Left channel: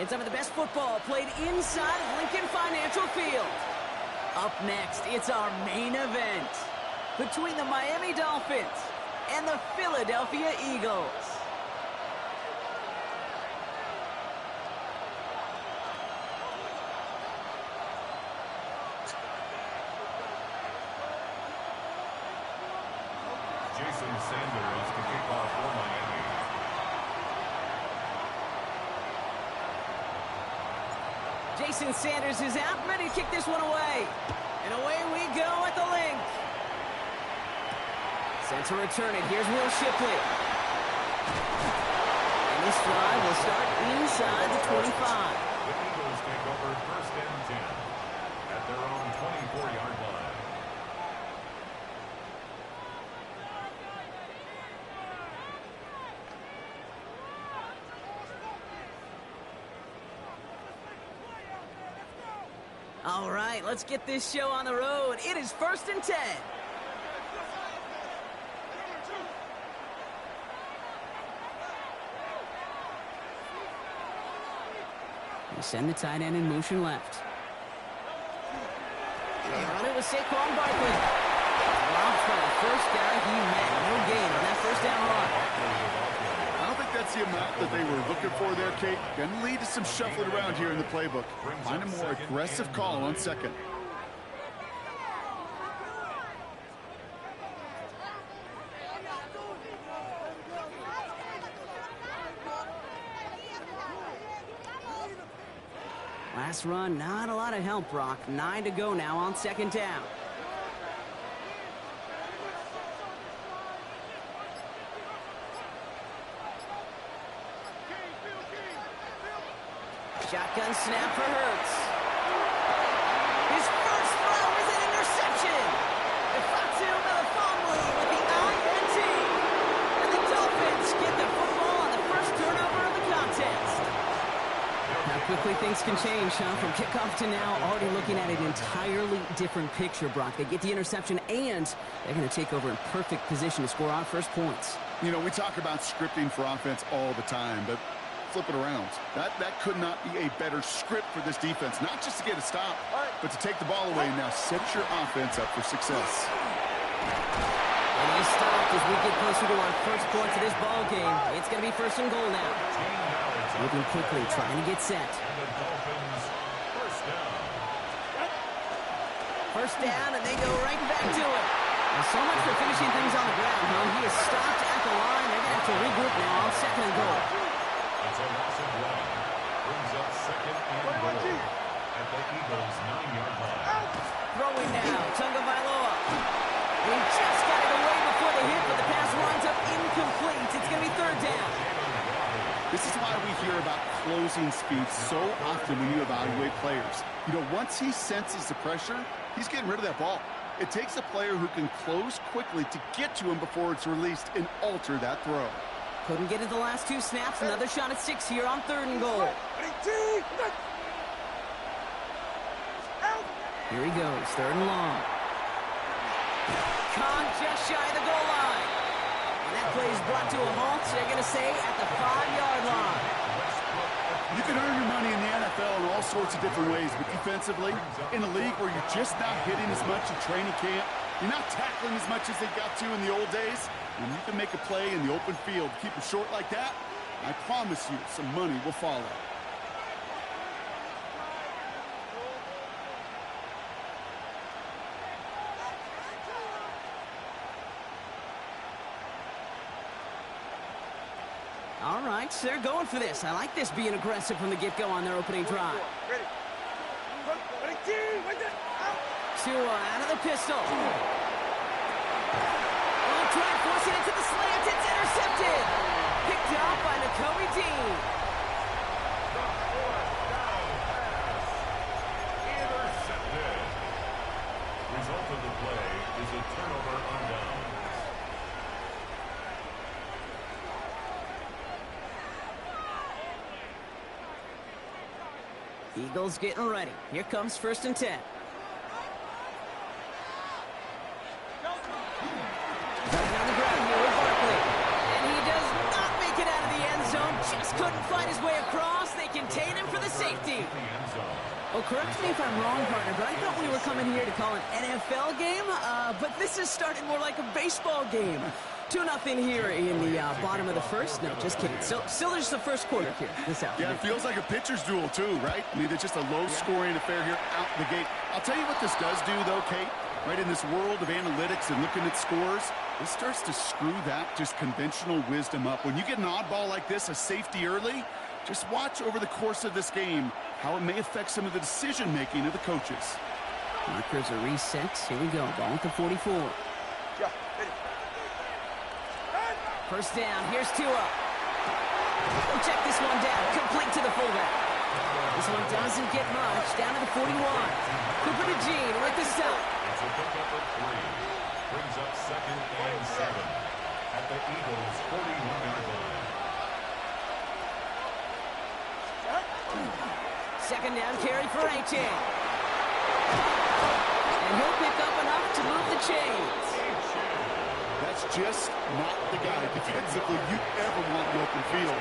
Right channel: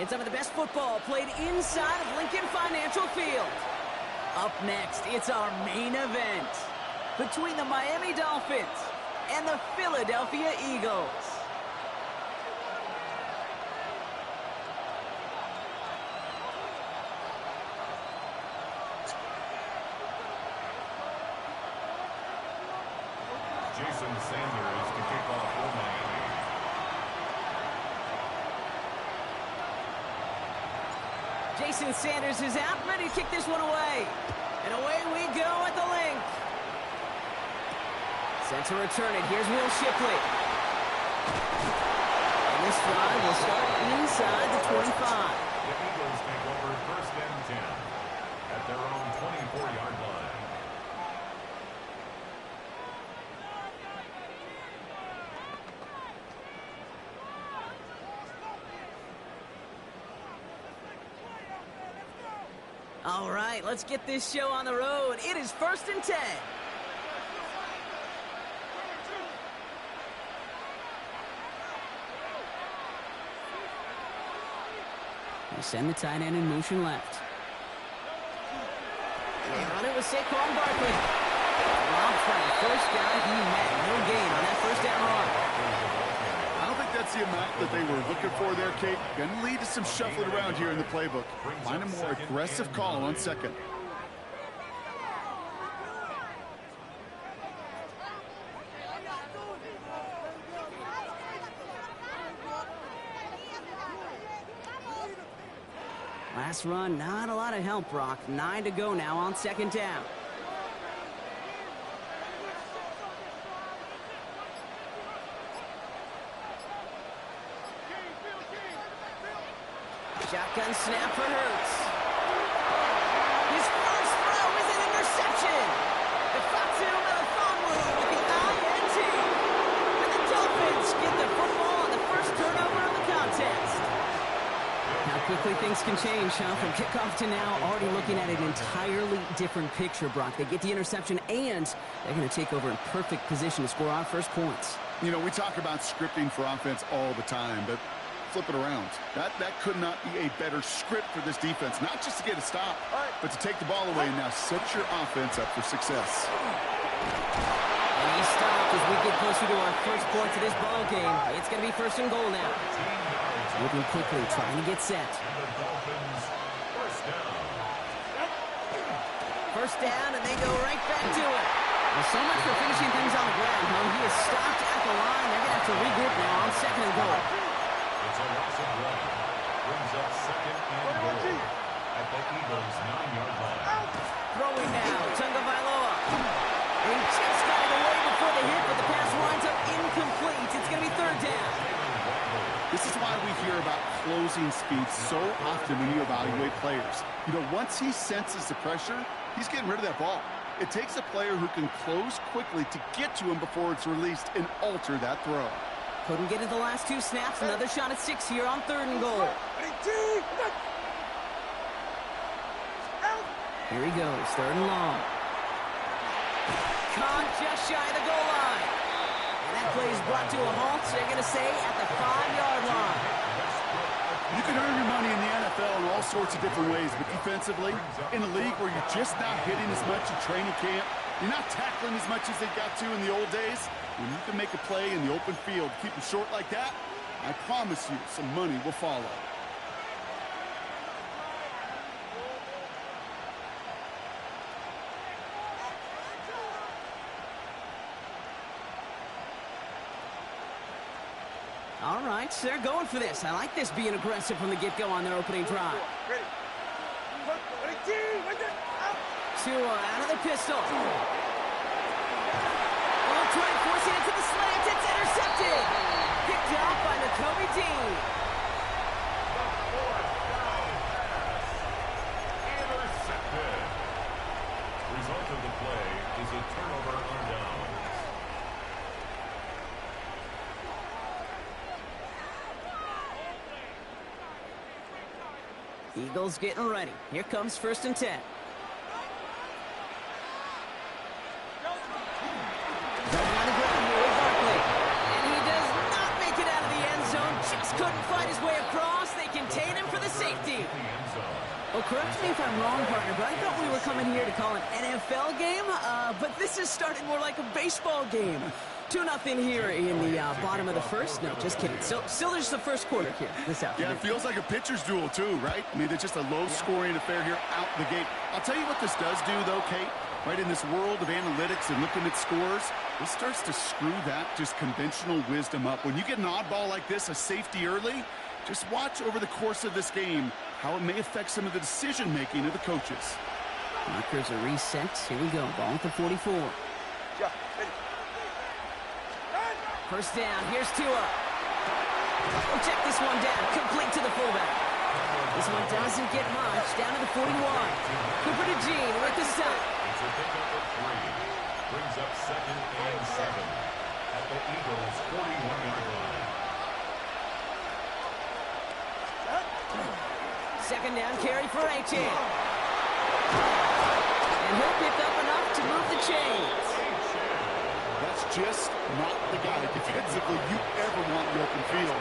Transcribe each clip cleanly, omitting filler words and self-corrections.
and some of the best football played inside of Lincoln Financial Field. Up next, it's our main event between the Miami Dolphins and the Philadelphia Eagles. Jason Sanders to kick off for Miami. Jason Sanders is out, ready to kick this one away. And away we go at the link. Sent to return it. Here's Will Shipley. And this drive will start inside the 25. The Eagles take over 1st and 10 at their own 24-yard line. All right, let's get this show on the road. It is 1st and 10. They send the tight end in motion left. They run it with Saquon Barkley. Robbed by the first guy he met. No gain on that first down run. I don't think that's the amount that they were looking for there, Kate. Going to lead to some shuffling around here in the playbook. Find a more aggressive call on second. Last run, not a lot of help, Brock. 9 to go now on 2nd down. Shotgun snap for Hurts. His first throw is an interception. Ifatu Melifonwu with the INT. And the Dolphins get the football on the first turnover of the contest. How quickly things can change, huh? From kickoff to now, already looking at an entirely different picture, Brock. They get the interception, and they're going to take over in perfect position to score our first points. You know, we talk about scripting for offense all the time, but flip it around. That could not be a better script for this defense. Not just to get a stop, but to take the ball away and now set your offense up for success. And he stopped as we get closer to our first points of this ball game. It's going to be 1st and goal now. Moving quickly, trying to get set. And the Dolphins, 1st down. 1st down, and they go right back to it. Well, so much for finishing things on the ground, huh? He is stopped at the line. They're going to have to regroup now on 2nd and goal. It's a loss of 1. Brings up 2nd and goal at the Eagles' 9-yard line. Throwing now, Tagovailoa. And he just got it away before the hit, but the pass winds up incomplete. It's going to be 3rd down. This is why we hear about closing speed so often when you evaluate players. You know, once he senses the pressure, he's getting rid of that ball. It takes a player who can close quickly to get to him before it's released and alter that throw. Couldn't get it the last 2 snaps. Another shot at 6 here on 3rd and goal. Here he goes, 3rd and long. Caught just shy of the goal line. And that play is brought to a halt, so they're going to say at the 5-yard line. You can earn your money in the NFL in all sorts of different ways, but defensively, in a league where you're just not hitting as much in training camp, you're not tackling as much as they got to in the old days, when you can make a play in the open field, keep it short like that, I promise you some money will follow. All right, so they're going for this. I like this being aggressive from the get-go on their opening drive. Tua out of the pistol. Will try and force it into the slant. It's intercepted. Picked up by Nakobe Dean. The 4th down pass. Intercepted. Result of the play is a turnover on downs. Eagles getting ready. Here comes 1st and 10. Running on the ground here with Barkley. And he does not make it out of the end zone. Just couldn't find his way across. They contain him for safety. Well, correct me if I'm wrong, partner, but I thought we were coming here to call an NFL game, but this has started more like a baseball game. 2-0 here in the bottom of the first. No, just kidding. Still there's the first quarter here this afternoon. Yeah, it feels like a pitcher's duel too, right? I mean, it's just a low-scoring affair here out the gate. I'll tell you what this does do, though, Kate. Right in this world of analytics and looking at scores, this starts to screw that just conventional wisdom up. When you get an oddball like this, a safety early, just watch over the course of this game how it may affect some of the decision-making of the coaches. Markers are reset. Here we go. Ball at the 44. First down. Here's Tua. We'll check this one down. Complete to the fullback. This one doesn't get much. Down to the 41. Cooper to Gene with the stop. It's a pickup of 3. Brings up 2nd and 7 at the Eagles' 41-yard line. Second down carry for Achane. And he'll pick up enough to move the chains. That's just not the guy defensively you ever want in the open field.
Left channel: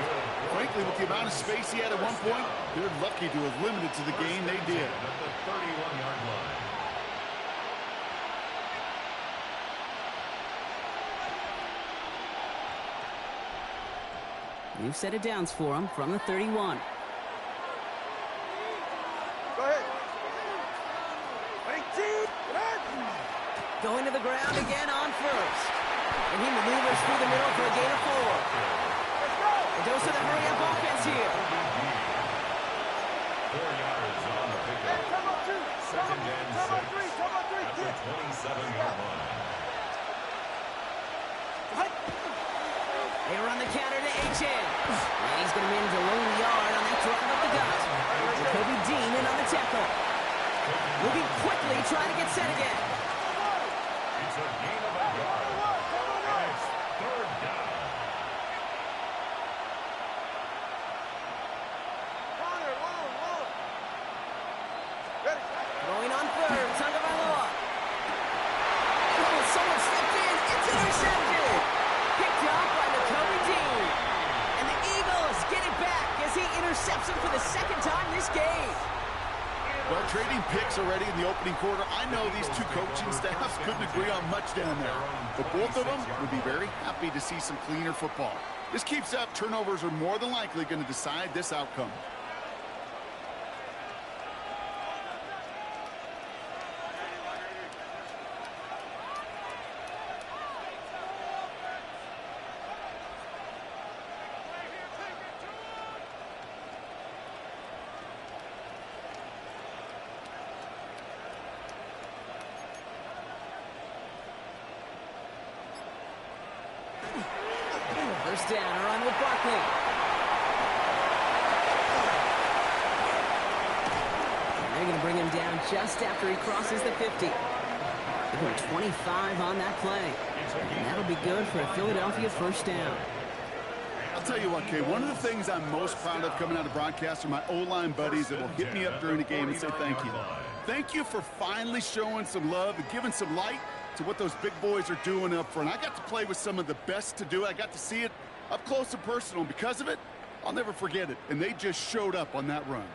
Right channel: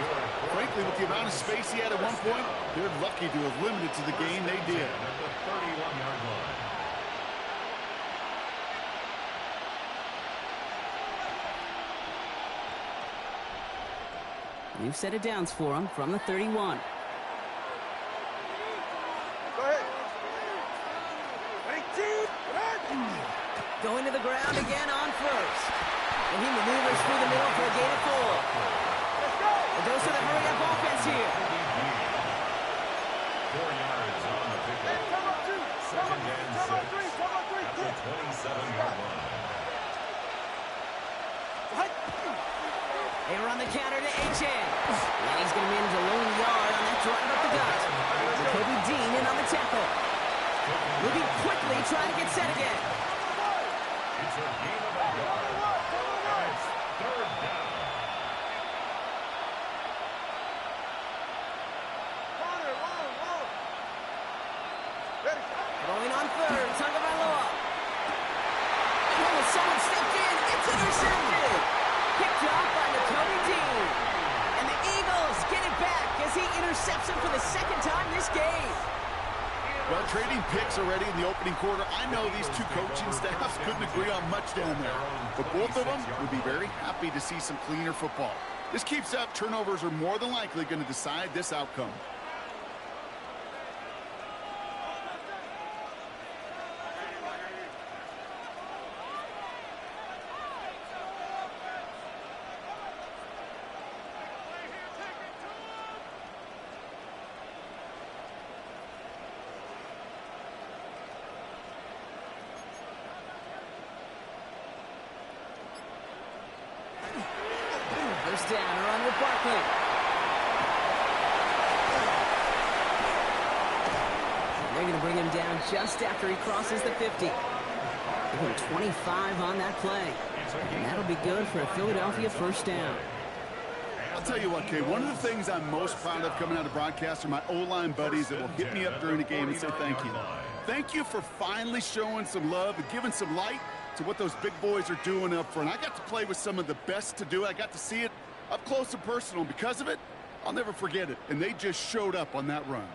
Frankly, with the amount of space he had at one point, they're lucky to have limited to the game they did. At the 31-yard line. New set of downs for him from the 31. Go ahead. Going to the ground again on first. And he maneuvers through the middle for a gain of 4. Let's go. A dose of the hurry-up offense here. 4 yards on the pickup. Come on, 2. 2nd and 6 Come on, 3. Come on, 3. at the 27-yard line. They run the counter to Achane. And he's going to manage a lone yard on that drive up the gut. Jacoby Dean in on the tackle. Moving quickly, trying to get set again. It's a gain of a yard. And it's 3rd down. Ready. Throwing on third, Tagovailoa. Oh, someone stepped in. It's intercepted. Picked up by Jacoby Dean. And the Eagles get it back as he intercepts him for the second time this game. Well, trading picks already in the opening quarter. I know these two coaching staffs couldn't agree on much down there, but both of them would be very happy to see some cleaner football. This keeps up, turnovers are more than likely going to decide this outcome. First down, a run with Barkley. And they're going to bring him down just after he crosses the 50. Give him 25 on that play. And that'll be good for a Philadelphia first down. I'll tell you what, Kay, one of the things I'm most proud of coming out of broadcast are my O-line buddies that will hit me up during the game and say thank you. Thank you for finally showing some love and giving some light to what those big boys are doing up front. I got to play with some of the best to do it. I got to see it up close and personal, and because of it, I'll never forget it. And they just showed up on that run.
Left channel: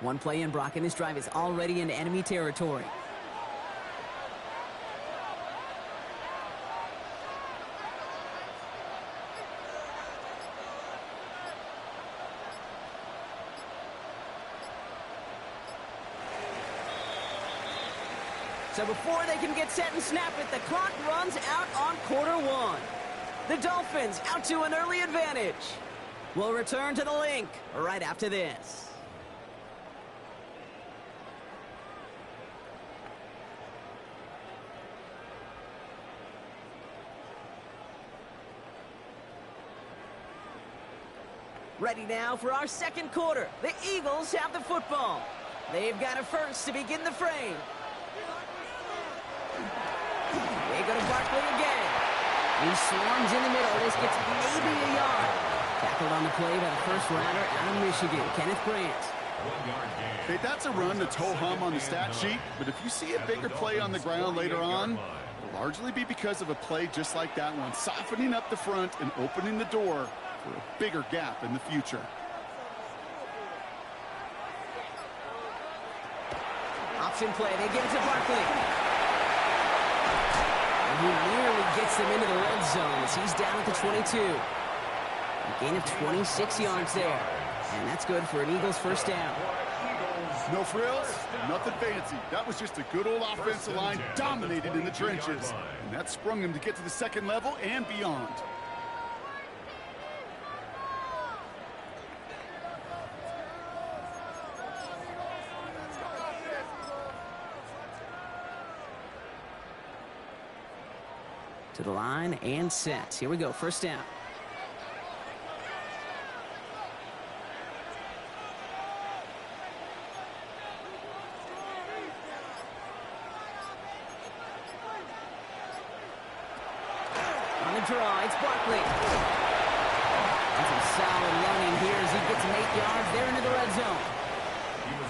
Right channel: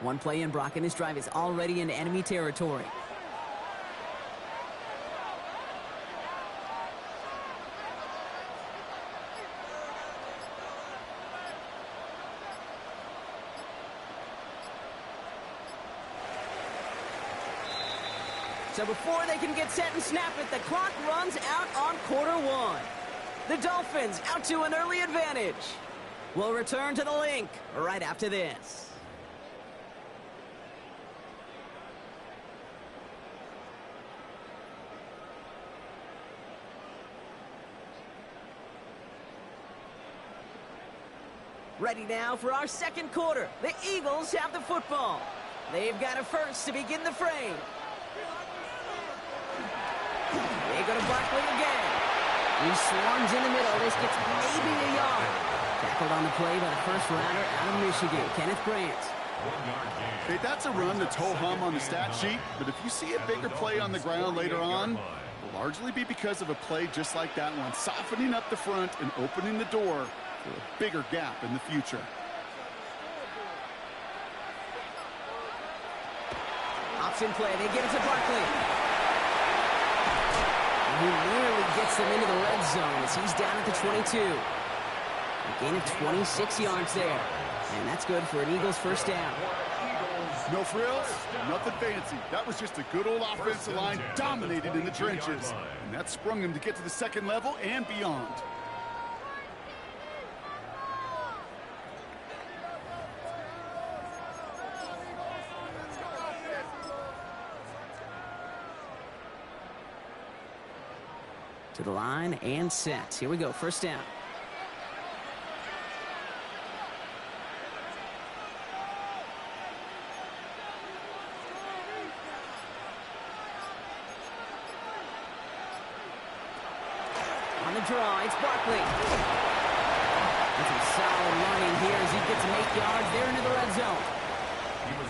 One play in, Brock, and this drive is already into enemy territory. So before they can get set and snap it, the clock runs out on quarter 1. The Dolphins out to an early advantage. We'll return to the link right after this. Ready now for our second quarter. The Eagles have the football. They've got a first to begin the frame. They go to Barkley again. He swarms in the middle. This gets maybe a yard. Tackled on the play by the first rounder out of Michigan, Kenneth Grant. 1 yard gain. Hey, that's a run that's ho-hum on the stat sheet, but if you see a bigger play on the ground later on, will largely be because of a play just like that one, softening up the front and opening the door for a bigger gap in the future. Option play, they give it to Barkley. And he nearly gets them into the red zone as he's down at the 22. A gain of 26 yards there. And that's good for an Eagles first down. No frills, nothing fancy. That was just a good old offensive line dominated in the trenches. And that sprung him to get to the second level and beyond. To the line and set. Here we go, first down. On the draw, it's Barkley. And some solid running here as he gets some 8 yards there into the red zone.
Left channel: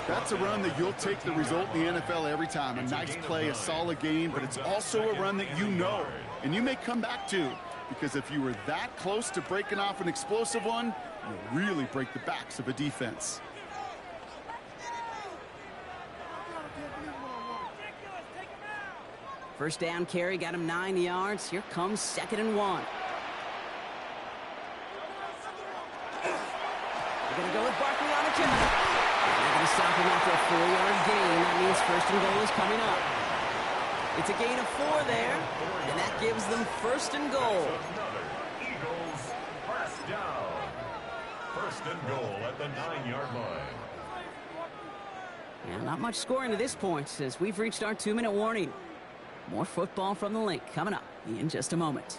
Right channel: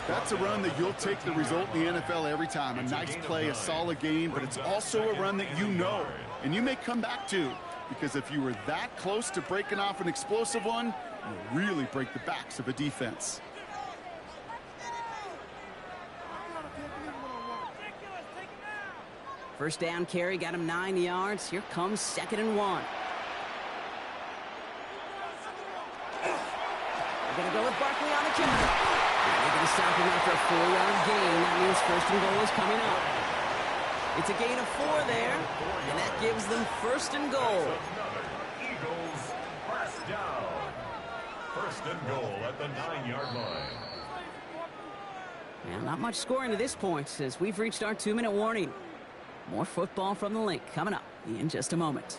That's a run that you'll take the result in the NFL every time. A nice play, a solid game, but it's also a run that you know and you may come back to, because if you were that close to breaking off an explosive one, you really break the backs of a defense. First down carry got him 9 yards. Here comes 2nd and 1. They're going to go with Barkley on the counter. They're going to stop him after a 4-yard gain. That means 1st and goal is coming up. It's a gain of 4 there, and that gives them 1st and goal. Another Eagles first down. 1st and goal at the 9-yard line. Yeah, not much scoring to this point as we've reached our 2-minute warning. More football from the link coming up in just a moment.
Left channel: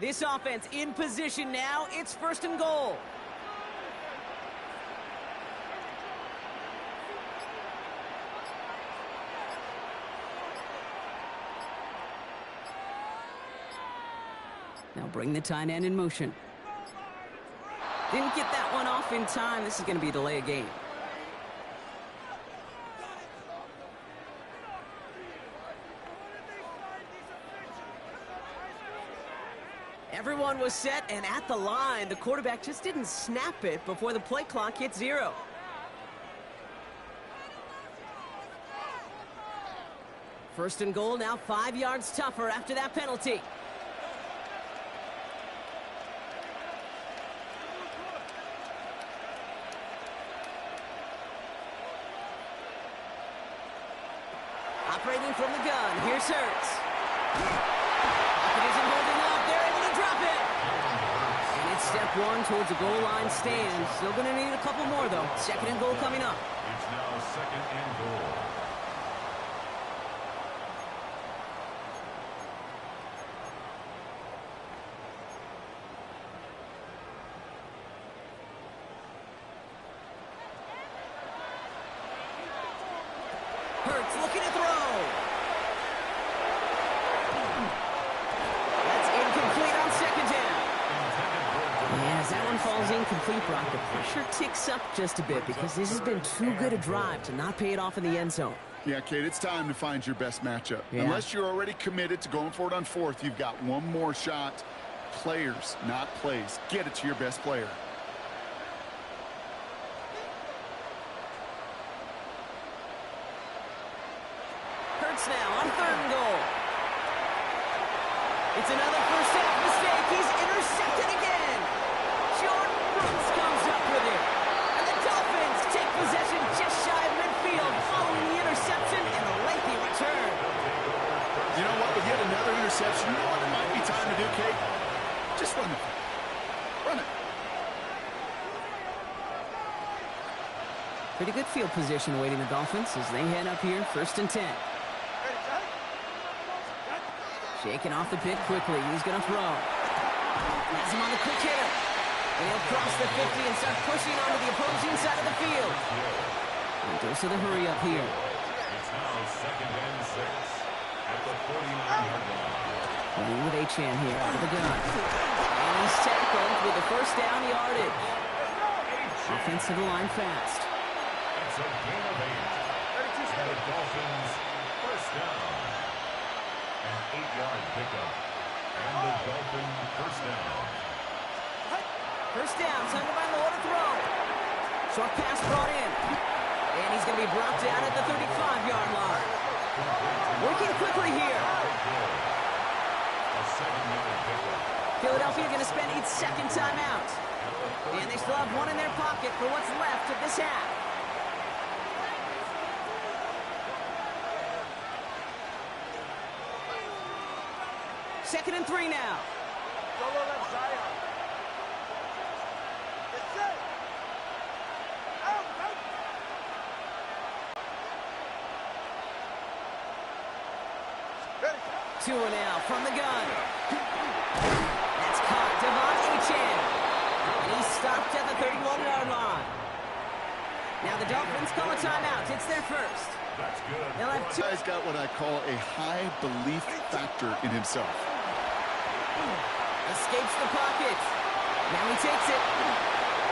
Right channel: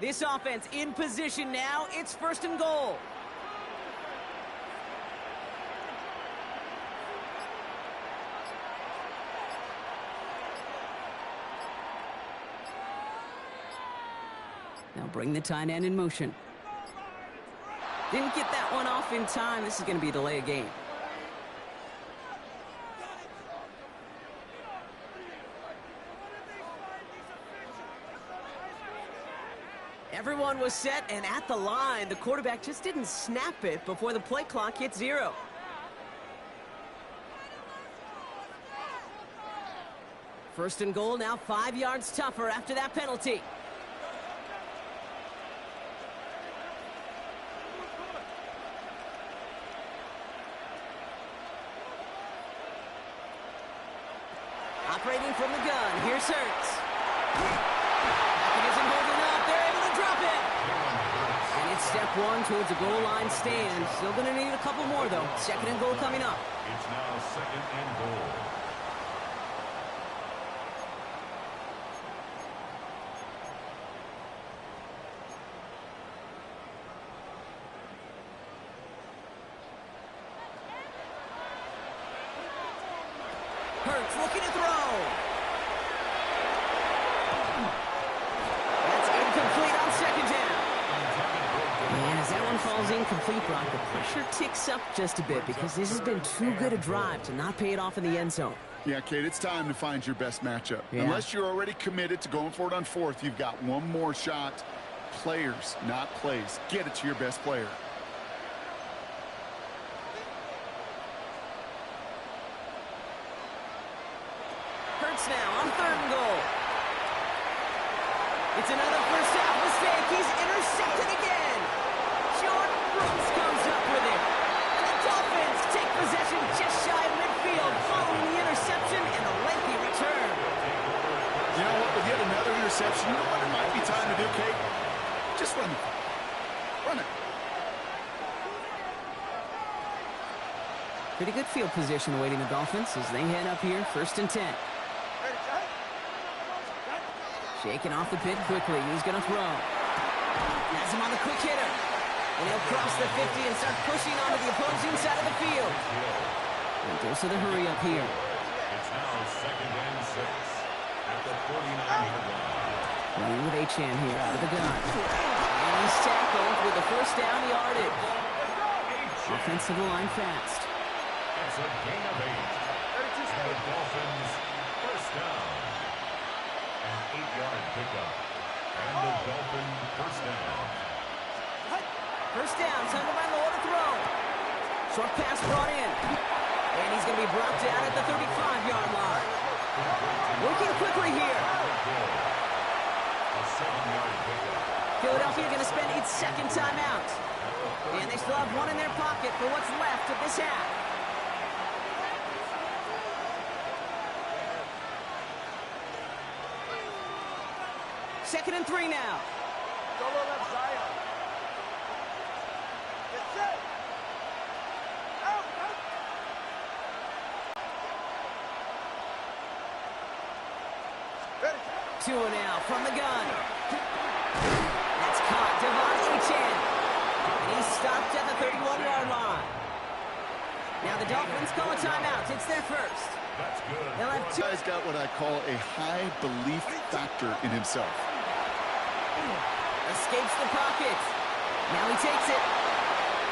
This offense in position now. It's 1st and goal. Now bring the tight end in motion. Didn't get that one off in time. This is going to be a delay of game. Everyone was set and at the line. The quarterback just didn't snap it before the play clock hit 0. First and goal, now 5 yards tougher after that penalty. Operating from the gun, here's Hurts. Pocket isn't holding up, they're able to drop it. And it's step 1 towards a goal line stand. Still going to need a couple more, though. 2nd and goal coming up. It's now 2nd and goal. Hurts looking to throw. That's incomplete on 2nd down. And as that one falls incomplete, Brock, the pressure ticks up just a bit because this has been too good a drive to not pay it off in the end zone. Yeah, Kate, it's time to find your best matchup. Yeah. Unless you're already committed to going for it on 4th, you've got one more shot. Players, not plays. Get it to your best player. Hurts now on 3rd and goal. It's another first half mistake. He's intercepted again. Jordan Brooks comes up with it. And the Dolphins take possession just shy of midfield following the interception and a lengthy return. You know what? With yet another interception, you know what it might be time to do, Kate? Just run it. Run it. Pretty good field position awaiting the Dolphins as they head up here, 1st and 10. Shaking off the pit quickly. He's going to throw. Has him on the quick hitter. And he'll cross the 50 and start pushing onto the opposing side of the field. And dose of the hurry up here. It's now 2nd and 6. at the 49-yard line. Running with Achan here out of the gun. And he's tackled with the first down yardage. Offensive line fast. It's a gain of 8. And the Dolphins first down. An 8-yard pickup. And the Dolphin first down. First down, Tunger by Law to throw. Short pass brought in. And he's going to be brought down at the 35-yard line. Working quickly here. A 7-yard pickup. Philadelphia going to spend its second timeout. And they still have one in their pocket for what's left of this half. Second and 3 now. Solo left Zion. Get set. Out, out. Ready. Tua now from the gun. That's caught. Devon Achan. And he's stopped at the 31-yard line. Now the Dolphins call a timeout. It's their first. That's good. They'll have two. Guy's got what I call a high belief factor in himself. Escapes the pocket. Now he takes it.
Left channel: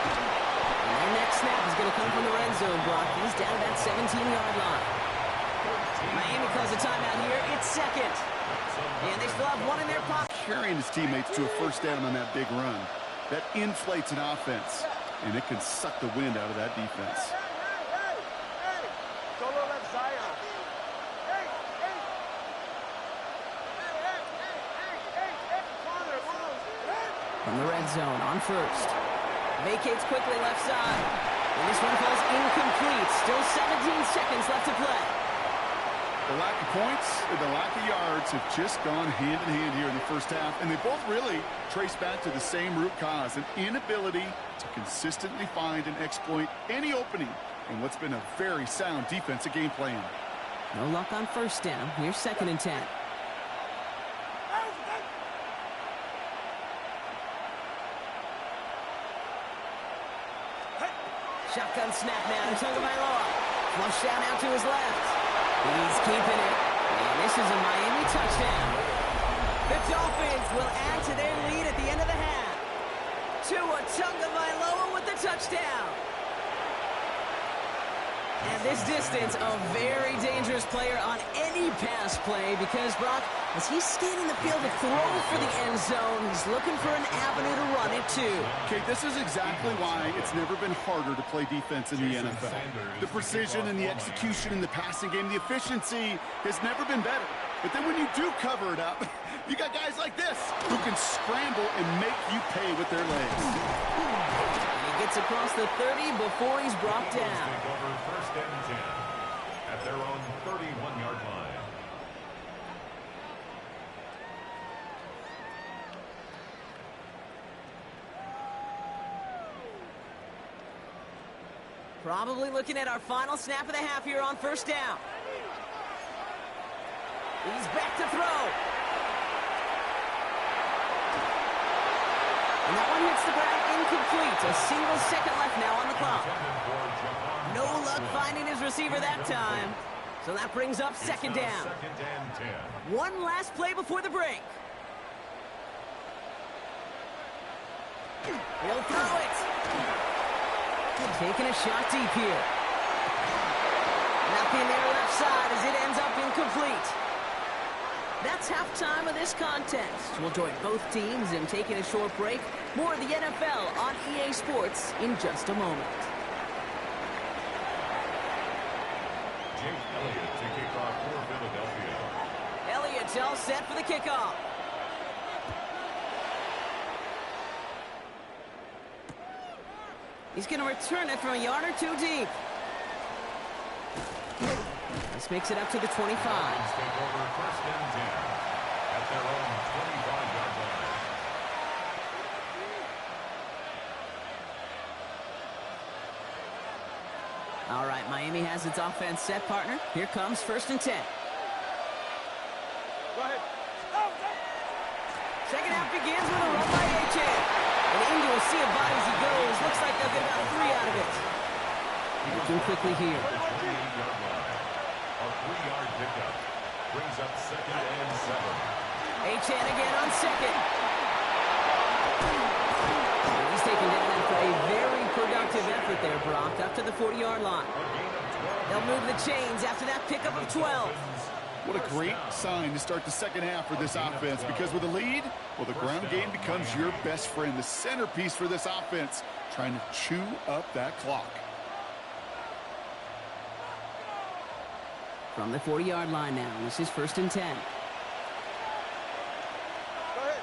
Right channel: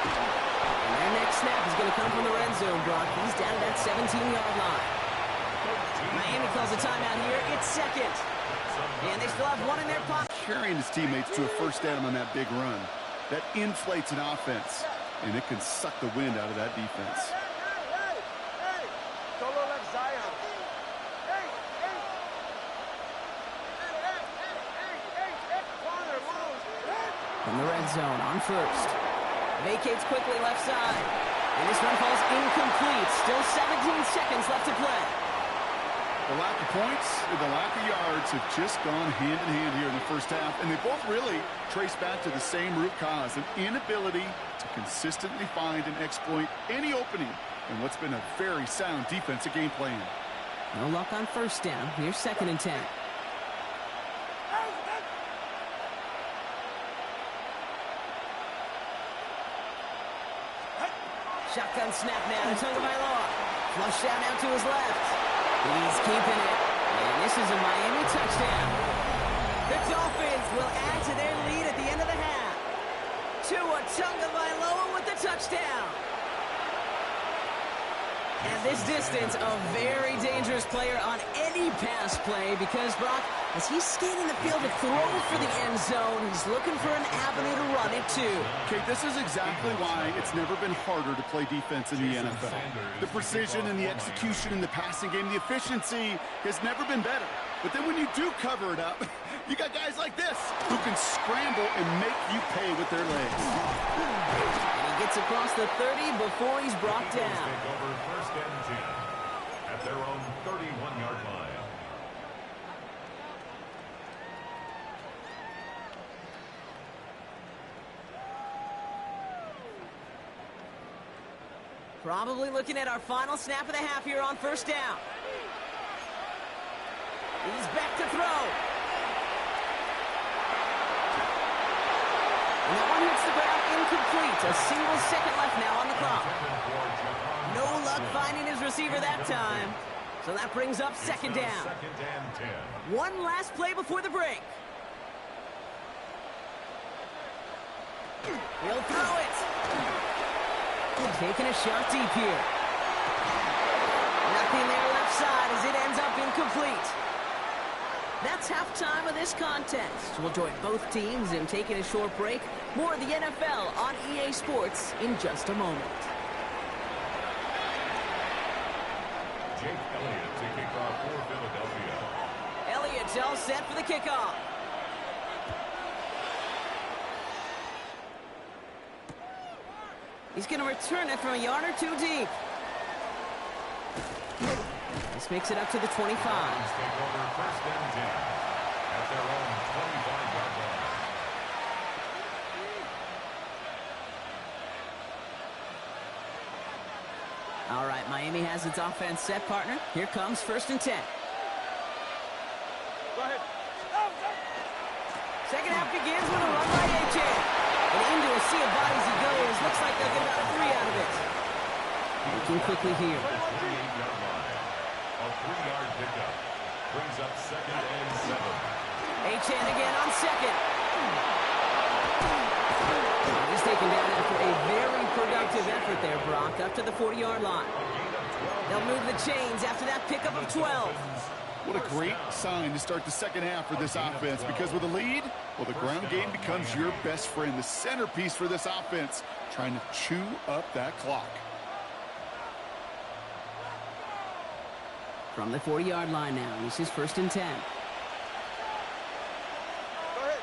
And their next snap is going to come from the red zone, Brock. He's down at that 17-yard line. Miami calls a timeout here. It's second. And they still have one in their pocket. Carrying his teammates to a first down on that big run. That inflates an offense, and it can suck the wind out of that defense. Hey. Solo left Zion. Hey. Corner, move. From the red zone on first. Vacates quickly left side. And this one falls incomplete. Still 17 seconds left to play. The lack of points and the lack of yards have just gone hand in hand here in the first half, and they both really trace back to the same root cause, an inability to consistently find and exploit any opening in what's been a very sound defensive game plan. No luck on first down. Here's second and 10. Shotgun snap now to Tagovailoa. Flush down out to his left. He's keeping it. And this is a Miami touchdown. The Dolphins will add to their lead at the end of the half. Tua Tagovailoa with the touchdown. At this distance, a very dangerous player on any pass play because, Brock, as he's scanning the field to throw for the end zone, he's looking for an avenue to run it too. Okay, this is exactly why it's never been harder to play defense in the NFL. The precision and the execution in the passing game, the efficiency has never been better. But then when you do cover it up, you got guys like this who can scramble and make you pay with their legs. And he gets across the 30 before he's brought down. Take over first and 10 at their own 31-yard line. Probably looking at our final snap of the half here on first down. He's back to throw. And that one hits the ground incomplete. A single second left now on the clock. No luck finding his receiver that time. So that brings up second down. Second and 10. One last play before the break. He'll throw it. Taking a shot deep here. Nothing there left side as it ends up incomplete. That's halftime of this contest. We'll join both teams in taking a short break. More of the NFL on EA Sports in just a moment. Jake Elliott to kick off for Philadelphia. Elliott's all set for the kickoff. He's going to return it from a yard or two deep. This makes it up to the 25. Dolphins take over first and 10 at their own 25-yard line. All right, Miami has its offense set, partner. Here comes first and 10. Go ahead. Second half begins with a run by Achan. And into a sea of bodies he goes. Looks like they'll get about 3 out of it. Looking quickly here. 28-yard line. A 3-yard pickup. Brings up 2nd and 7. Achane again on second. He's taken down after a very productive effort there, Brock, up to the 40-yard line. They'll move the chains after that pickup of 12. What a great sign to start the second half for this offense, because with a lead, well, the ground game becomes your best friend, the centerpiece for this offense, trying to chew up that clock. From the 40-yard line now, this is 1st and 10. Go ahead.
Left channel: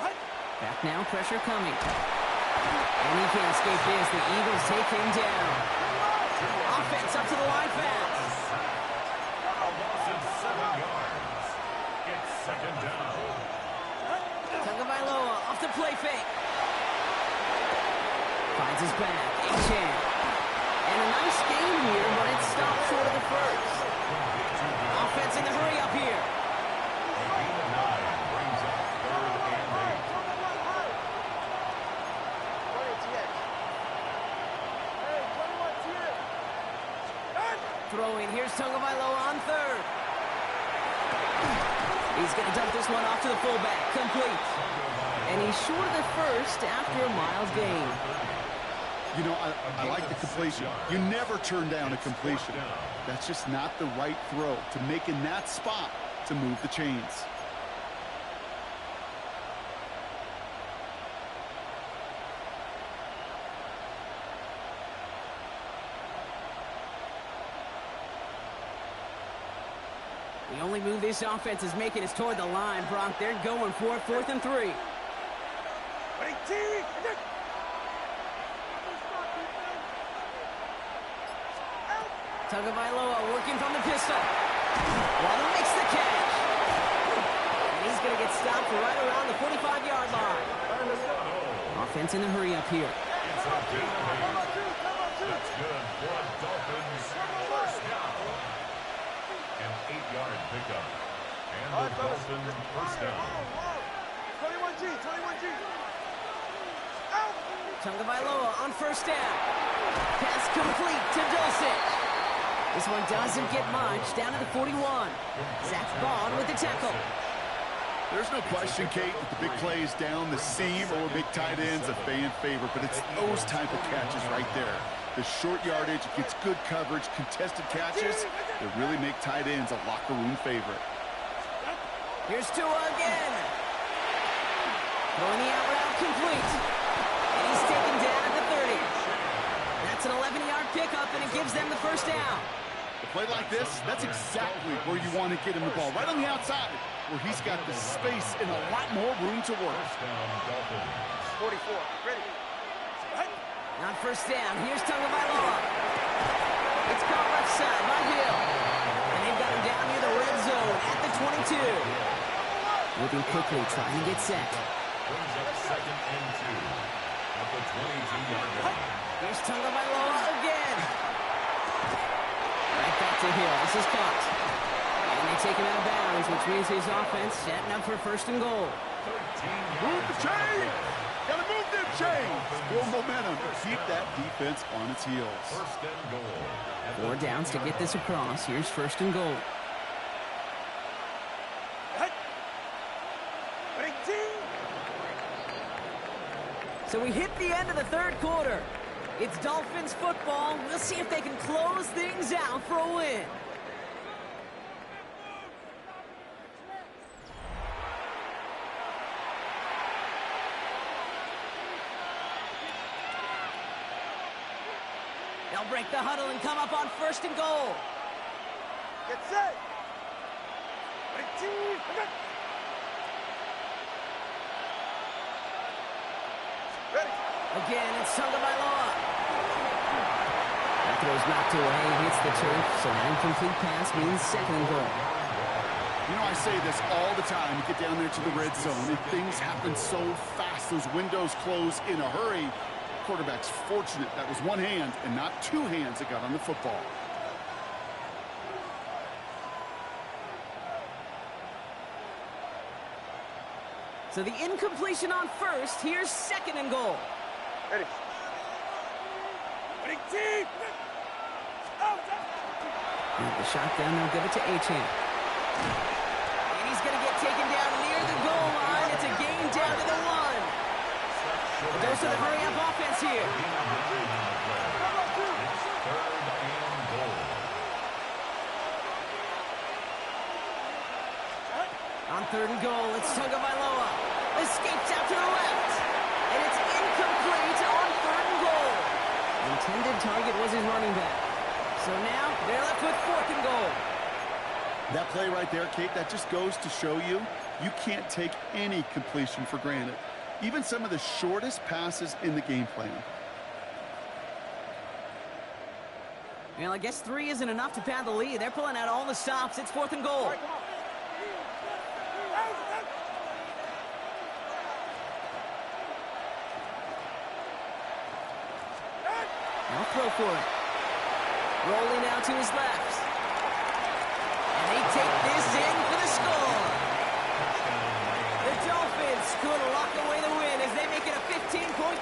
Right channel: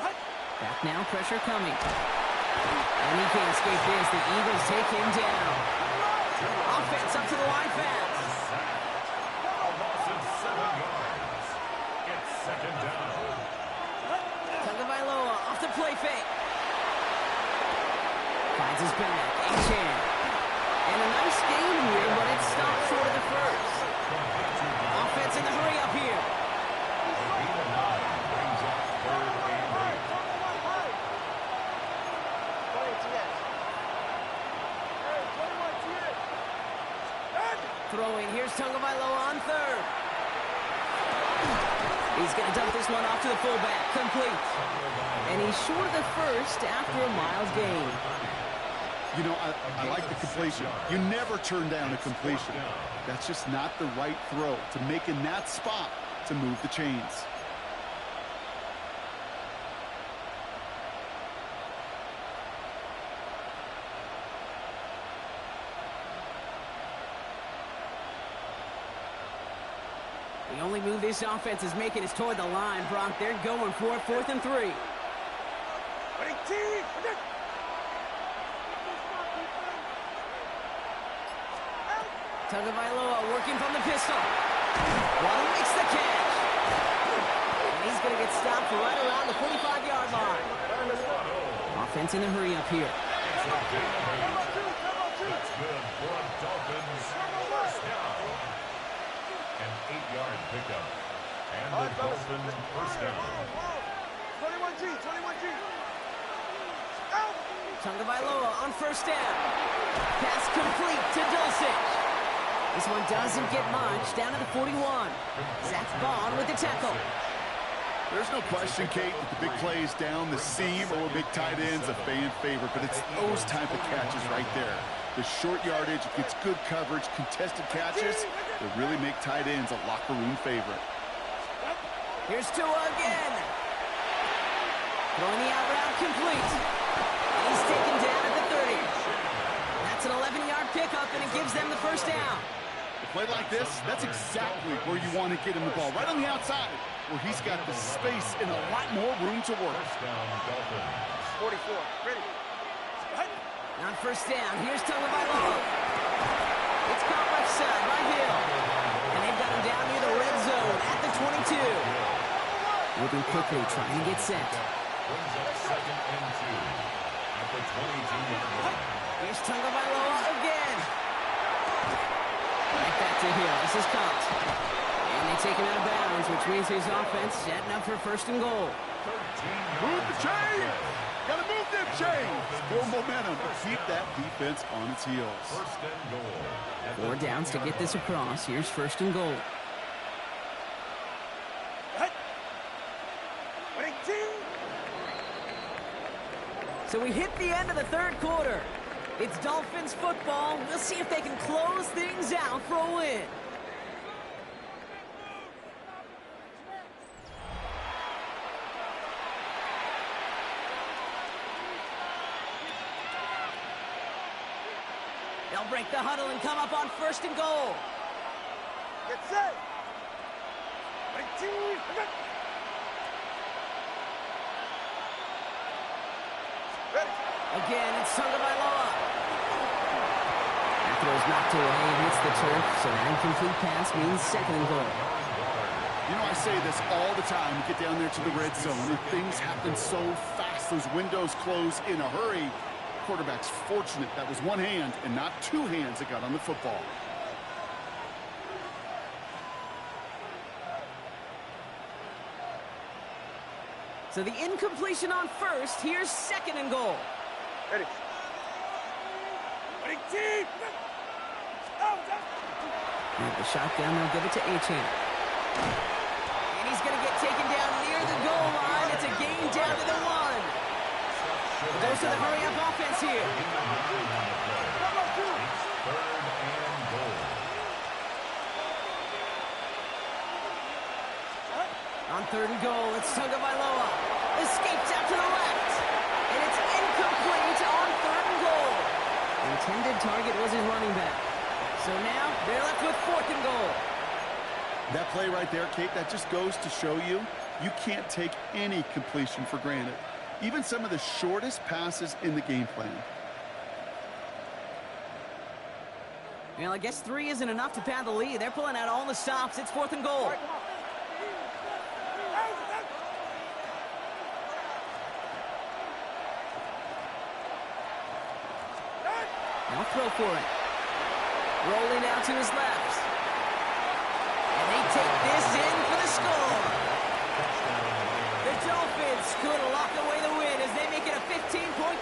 What? Back now, pressure coming. And he can't escape this. The Eagles take him down. Offense up to the line fast. A loss of 7 yards. It's 2nd down. Tagovailoa off the play fake. Finds his back. Achane. And a nice game here, but it stopped short of the first. Offense in the hurry up here. A gain of 9 brings up 3rd and 8. 20 TX. Hey, 21 TX. Throwing. Here's Tagovailoa on 3rd. He's going to dump this one off to the fullback. Complete. And he's short of the first after a mild gain. You know, I like the completion. You never turn down a completion. That's just not the right throw to make in that spot to move the chains. The only move this offense is making is toward the line, Brock. They're going for it, 4th and 3. Tagovailoa working from the pistol. Waddle makes the catch. And he's going to get stopped right around the 45-yard line. Offense in the hurry up here. It's a gain of 8. That's good for a Dolphins 1st down. An 8-yard pickup. And the Dolphins 1st down. 21G, 21G. Tagovailoa on 1st down. Pass complete to Dulcich. This one doesn't get much. Down to the 41. Zach Bond with the tackle. There's no question, Kate, that the big plays down the seam or big tight ends a fan favorite, but it's those type of catches right there. The short yardage, it gets good coverage, contested catches that really make tight ends a locker room favorite. Here's Tua again. Throwing the out route complete. And he's taken down at the 30. That's an 11-yard pickup, and it gives them the 1st down. A play like this, that's exactly where you want to get him the ball, right on the outside, where he's got the space and a lot more room to work. 1st down, Dolphins. 44, ready. On 1st down, here's Tagovailoa. It's caught left side by Hill. And they've got him down near the red zone at the 22. Moving quickly, trying to get set. Brings up 2nd and 2 at the 22-yard line. Here's Tagovailoa again. Right back to Hill. This is caught. And they take him out of bounds, which means his offense setting up for 1st and goal. 13 Move yards. the chains! Gotta move them chains! Build momentum to keep that defense on its heels. 1st and goal. at the 4 downs to get this across. Here's 1st and goal. So we hit the end of the 3rd quarter. It's Dolphins football. We'll see if they can close things out for a win. They'll break the huddle and come up on 1st and goal. Get set. Ready. Again, it's Tagovailoa. That throw's knocked away, hits the turf, so an incomplete pass means 2nd and goal. You know, I say this all the time. You get down there to the red zone, and things happen so fast. Those windows close in a hurry. Quarterback's fortunate that was one hand and not 2 hands that got on the football. So the incompletion on 1st, here's 2nd and goal. Ready. And the shotgun, they'll give it to Achane. And he's going to get taken down near the goal line. It's a gain down to the 1. It goes to the hurry-up offense here. It's 3rd and goal. On 3rd and goal, it's Tagovailoa. Escapes out to the left. And it's incomplete on 3rd and goal. Intended target was his running back. So now they're left with 4th and goal. That play right there, Kate, that just goes to show you can't take any completion for granted. Even some of the shortest passes in the game plan. Well, I guess 3 isn't enough to pad the lead. They're pulling out all the stops. It's 4th and goal. Now throw for it. Rolling out to his left. And they take this in for the score. The Dolphins could lock away the win as they make it a 15-point.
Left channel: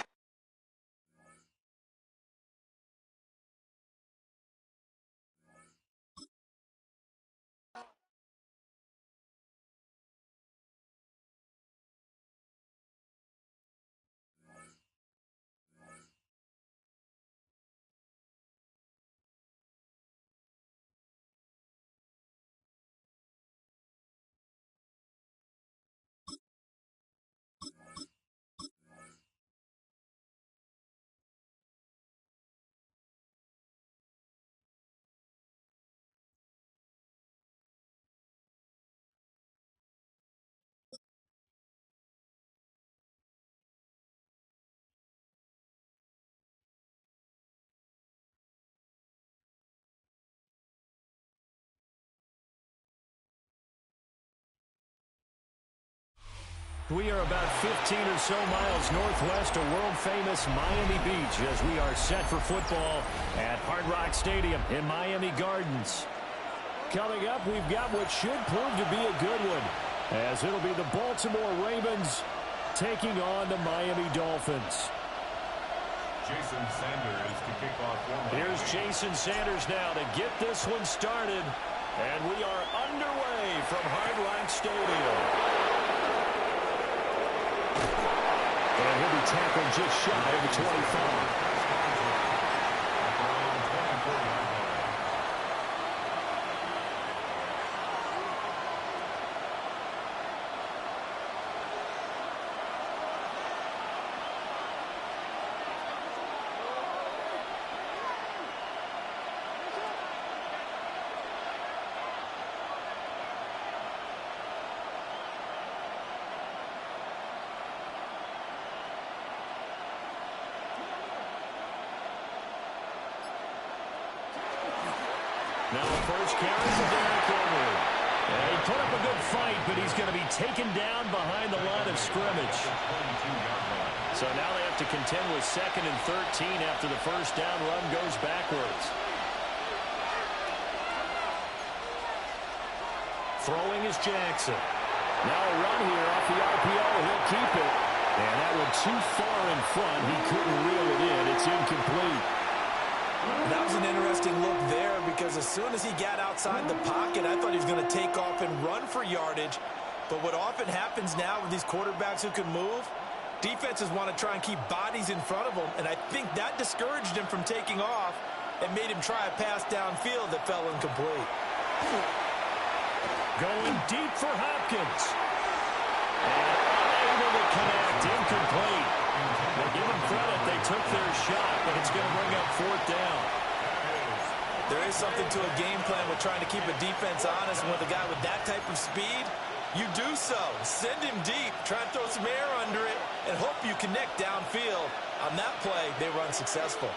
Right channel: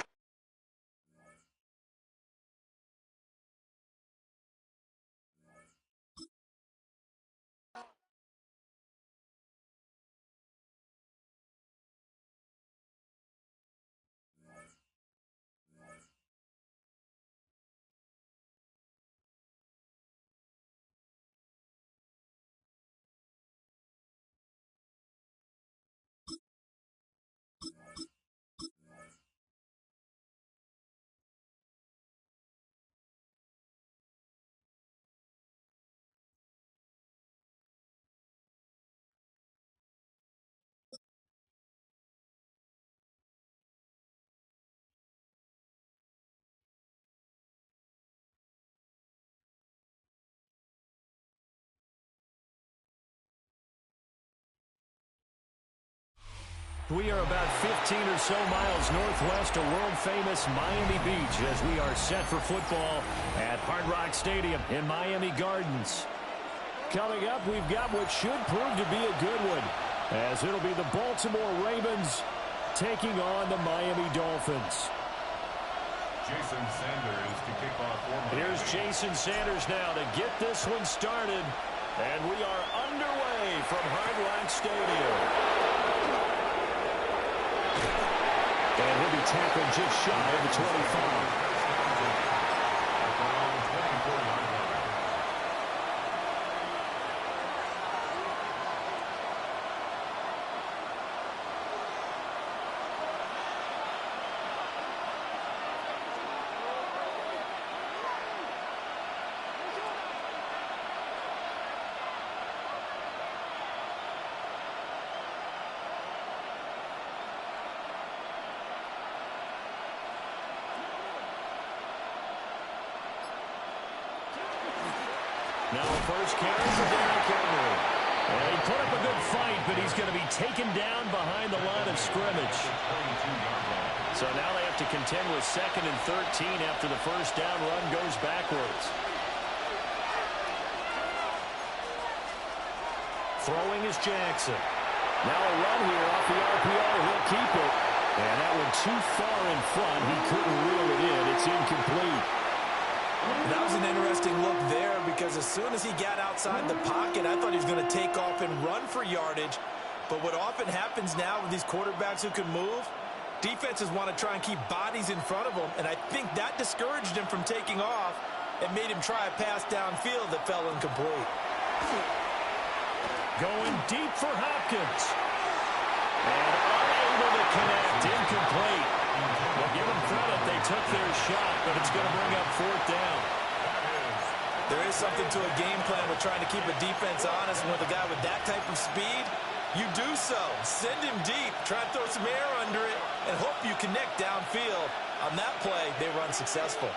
We are about 15 or so miles northwest of world-famous Miami Beach as we are set for football at Hard Rock Stadium in Miami Gardens. Coming up, we've got what should prove to be a good one, as it'll be the Baltimore Ravens taking on the Miami Dolphins. Jason Sanders to kick off for Miami. Here's Jason Sanders now to get this one started, and we are underway from Hard Rock Stadium. And he'll be tackled just shy of the 25. Now first carry for Derrick Henry. And he put up a good fight, but he's going to be taken down behind the line of scrimmage. So now they have to contend with 2nd and 13 after the first down run goes backwards. Throwing is Jackson. Now a run here off the RPO. He'll keep it. And that one too far in front. He couldn't reel it in. It's incomplete. That was an interesting look there because as soon as he got outside the pocket, I thought he was going to take off and run for yardage. But what often happens now with these quarterbacks who can move, defenses want to try and keep bodies in front of them, and I think that discouraged him from taking off and made him try a pass downfield that fell incomplete. Going deep for Hopkins. And unable to connect. Incomplete. Well, give them credit. They took their shot, but it's going to bring up 4th down. There is something to a game plan with trying to keep a defense honest. And with a guy with that type of speed, you do so. Send him deep. Try and throw some air under it and hope you connect downfield. On that play, they run successful.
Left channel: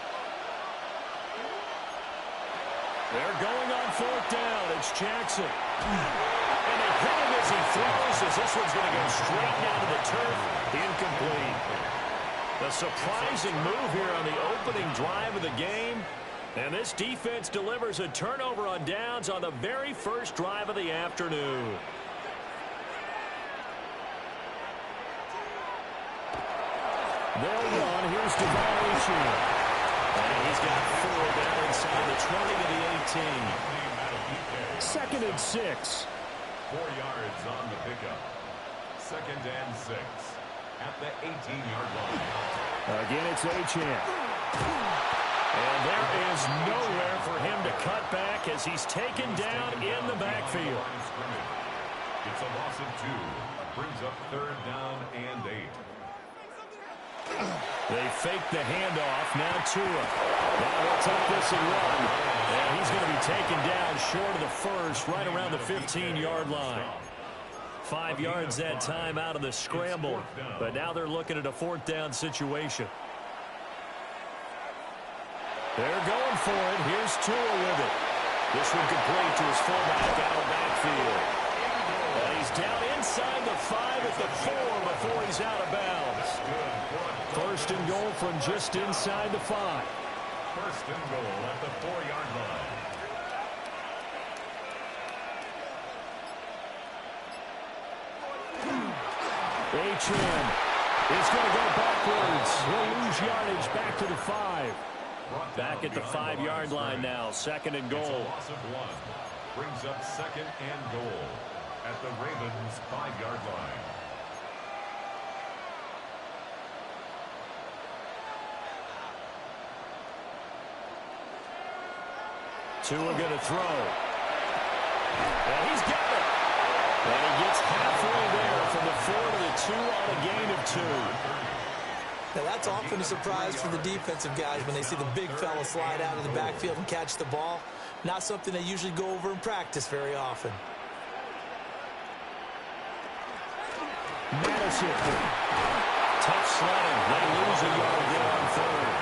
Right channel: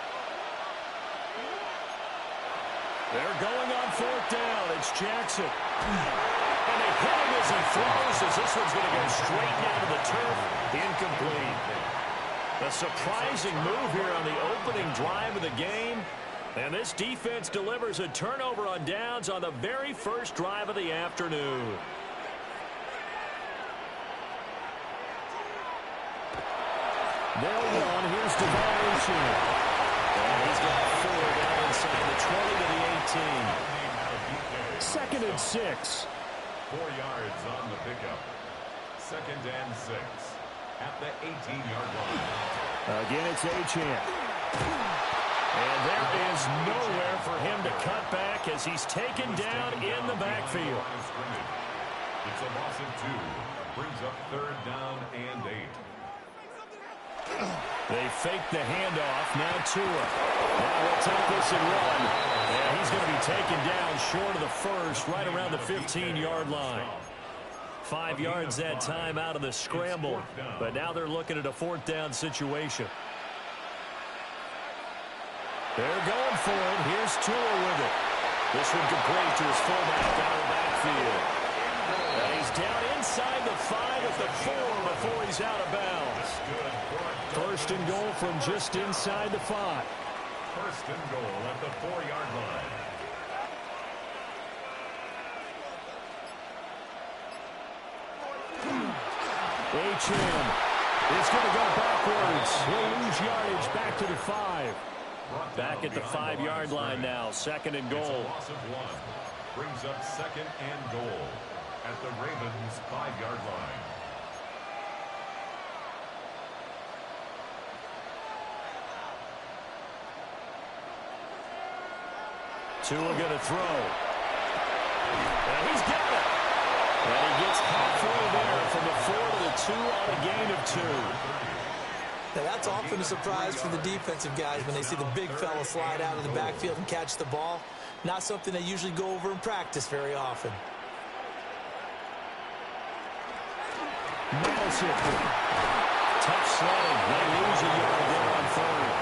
They're going on 4th down. It's Jackson. And they hit him as he throws, as this one's going to go straight down to the turf. Incomplete. A surprising move here on the opening drive of the game. And this defense delivers a turnover on downs on the very first drive of the afternoon. They'll run. Here's Devon. And he's got 4 down inside the 20 to the 18. 2nd and 6. 4 yards on the pickup. 2nd and 6 at the 18-yard line. Again, it's Achane. And there is nowhere for him to cut back as he's taken down in the backfield. It's a loss of 2. Brings up 3rd down and 8. They fake the handoff. Now Tua. Now he'll take this and run. And he's going to be taken down short of the first, right around the 15-yard line. 5 yards that time out of the scramble. But now they're looking at a 4th down situation. They're going for it. Here's Tua with it. This one complete to his fullback out of the backfield. And he's down inside the 5 at the 4 before he's out of bounds. 1st and goal from just inside the 5. 1st and goal at the 4-yard line. Achane is going to go backwards. He'll lose yardage back to the 5. Back at the 5-yard line now. 2nd and goal. It's a loss of 1. Brings up 2nd and goal at the Ravens' 5-yard line. Tua going to throw. And he's got it. And he gets halfway there from the 4 to the 2 on a gain of 2. Now that's often a surprise for the defensive guys when they see the big fella slide out of the backfield and catch the ball. Not something they usually go over in practice very often. Madison. Tough sledding. They lose a yard there on 3rd.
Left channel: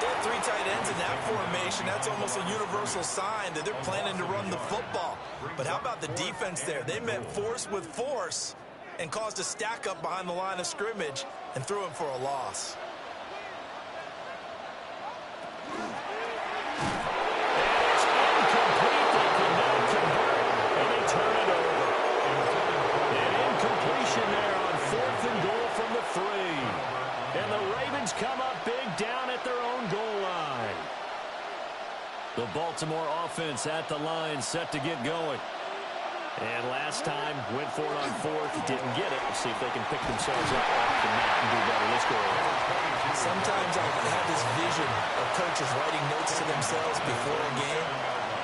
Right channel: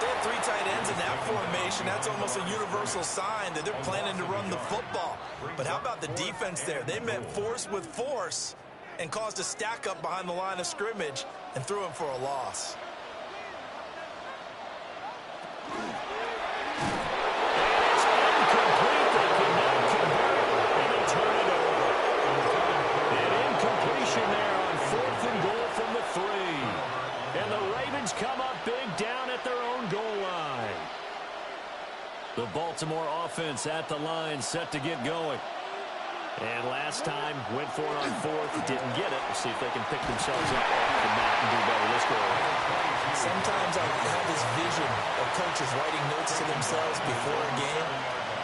They have 3 tight ends in that formation. That's almost a universal sign that they're planning to run the football. But how about the defense there? They met force with force and caused a stack up behind the line of scrimmage and threw him for a loss. And it's incomplete. They could not convert, and they turn it over. An incompletion there on 4th and goal from the 3. And the Ravens come up big down at their own goal line. The Baltimore offense at the line set to get going. And last time, went for it on 4th, didn't get it. We'll see if they can pick themselves up off the mat and do better this go around. Sometimes I have this vision of coaches writing notes to themselves before a game.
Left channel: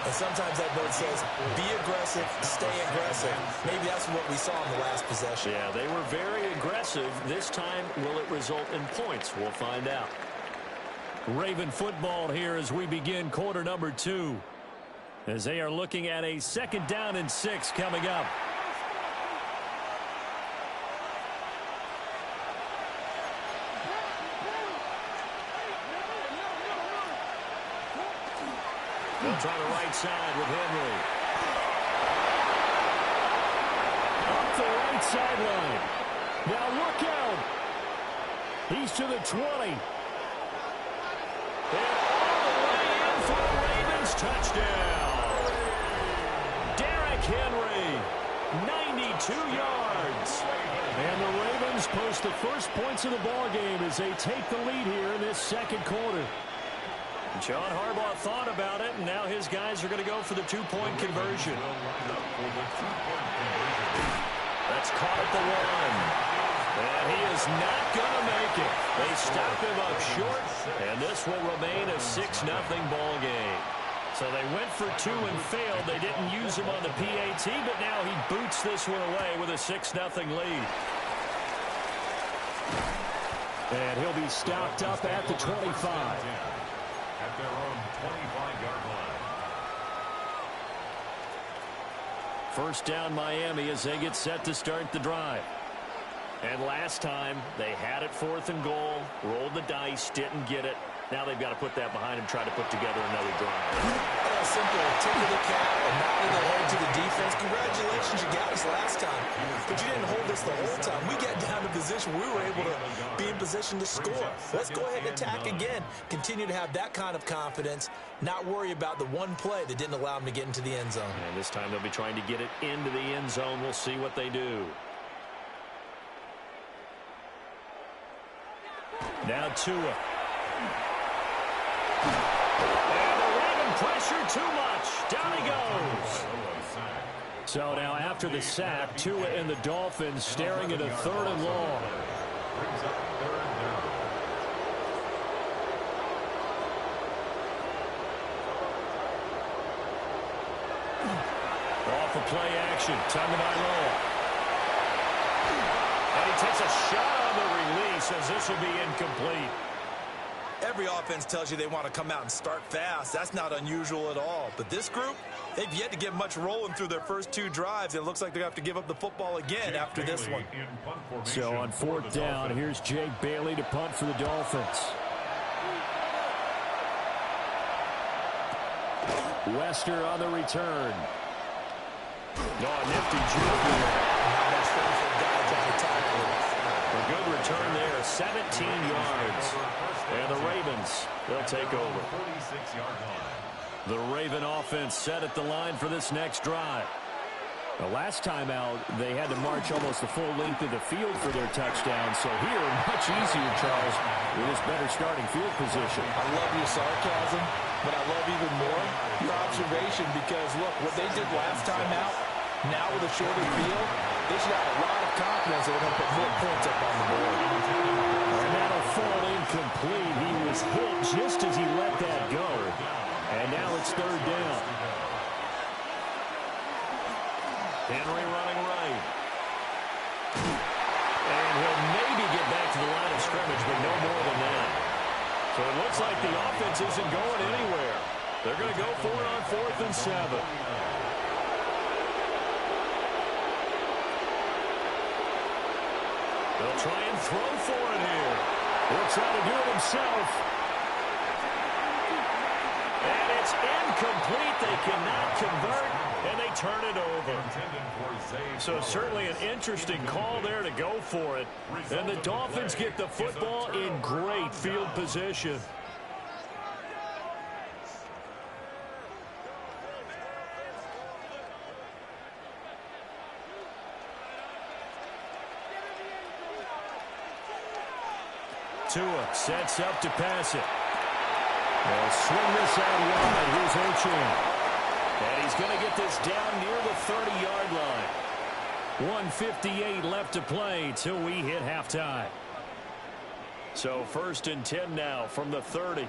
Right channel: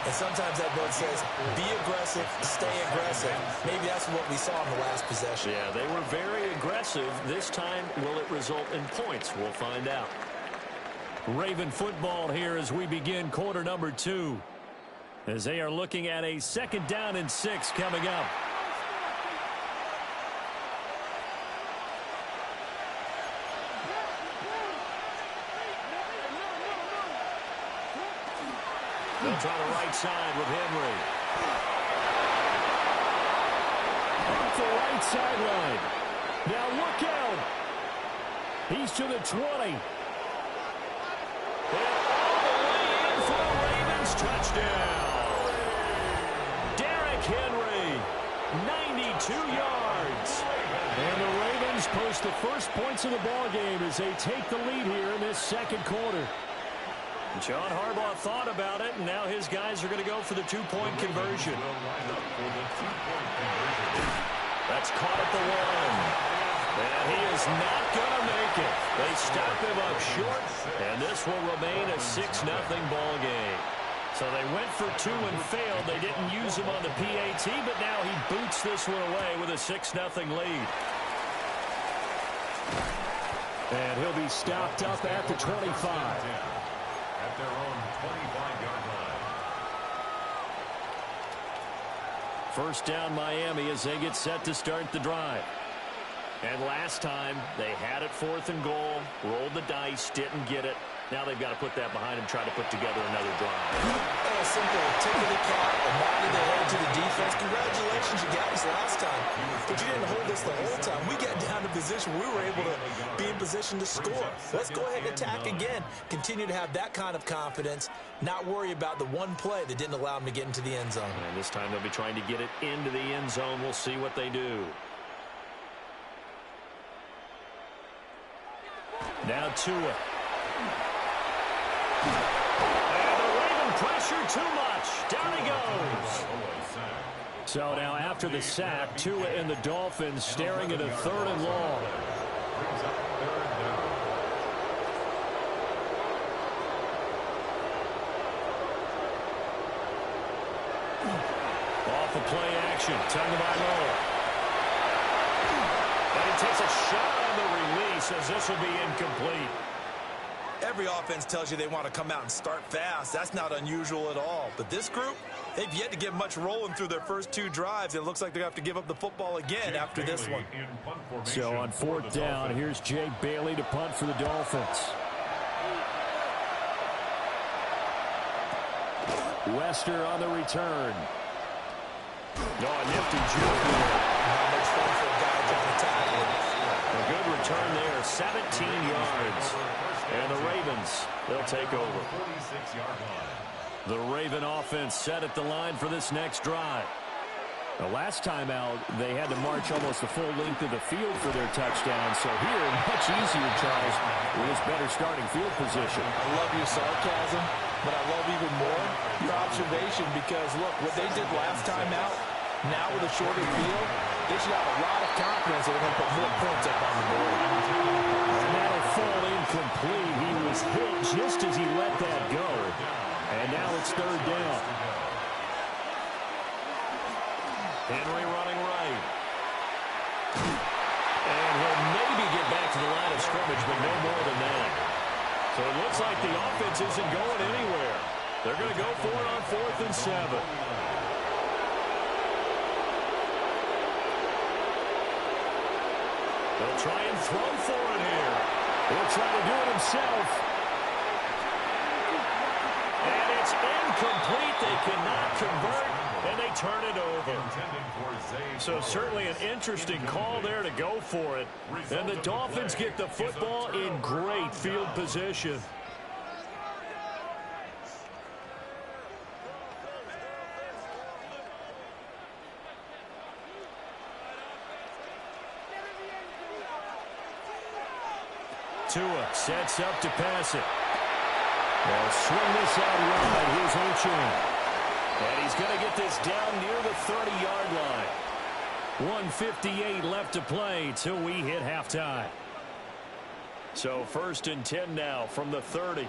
And sometimes that note says, be aggressive, stay aggressive. Maybe that's what we saw in the last possession. Yeah, they were very aggressive. This time, will it result in points? We'll find out. Raven football here as we begin quarter number 2. As they are looking at a 2nd down and 6 coming up. They'll try the right side with Henry. Up the right sideline. Now look out. He's to the 20. And all the way in for a Ravens touchdown. Henry, 92 yards. And the Ravens post the first points of the ball game as they take the lead here in this 2nd quarter. John Harbaugh thought about it, and now his guys are going to go for the 2-point conversion. That's caught at the 1. And he is not going to make it. They stop him up short, and this will remain a 6-0 ball game. So they went for 2 and failed. They didn't use him on the PAT, but now he boots this one away with a 6-0 lead. And he'll be stopped up at the 25. At their own 25-yard line. 1st down Miami as they get set to start the drive. And last time they had it 4th and goal, rolled the dice, didn't get it. Now they've got to put that behind him, try to put together another drive. A simple tip of the cap, a nod of the head to the defense. Congratulations, you got us last time. But you didn't hold us the whole time. We got down to position. We were able to be in position to score. Let's go ahead and attack again. Continue to have that kind of confidence. Not worry about the one play that didn't allow them to get into the end zone. And this time they'll be trying to get it into the end zone. We'll see what they do. Now Tua. And the Raven pressure too much. Down he goes. So now after the sack, Tua and the Dolphins staring at a 3rd and long. Brings up 3rd down. Off of play action, Tagovailoa. And he takes a shot on the release as this will be incomplete. Every offense tells you they want to come out and start fast. That's not unusual at all. But this group, they've yet to get much rolling through their first 2 drives. It looks like they're going to have to give up the football again after this one. So on 4th down, here's Jake Bailey to punt for the Dolphins. Wester on the return. Oh, nifty juke there. Not much fun for a guy trying to tackle him. A good return there, 17 yards. And the Ravens, they'll take over. The Raven offense set at the line for this next drive. The last time out, they had to march almost the full length of the field for their touchdown. So here, much easier, Charles, with this better starting field position. I love your sarcasm, but I love even more your observation because, look, what they did last time out, now with a shorter field, they should have a lot of confidence that they're going to put more points up on the board. And that'll fall incomplete. He was hit just as he let that go. And now it's 3rd down. Henry running right. And he'll maybe get back to the line of scrimmage, but no more than that. So it looks like the offense isn't going anywhere. They're going to go for it on 4th and 7. They'll try and throw for it here. He'll try to do it himself. And it's incomplete. They cannot convert, and they turn it over. So certainly an interesting call there to go for it. And the Dolphins get the football in great field position. Tua sets up to pass it. They'll swing this out wide. Here's Achane. And he's going to get this down near the 30-yard line. 1:58 left to play till we hit halftime. So 1st and 10 now from the 30.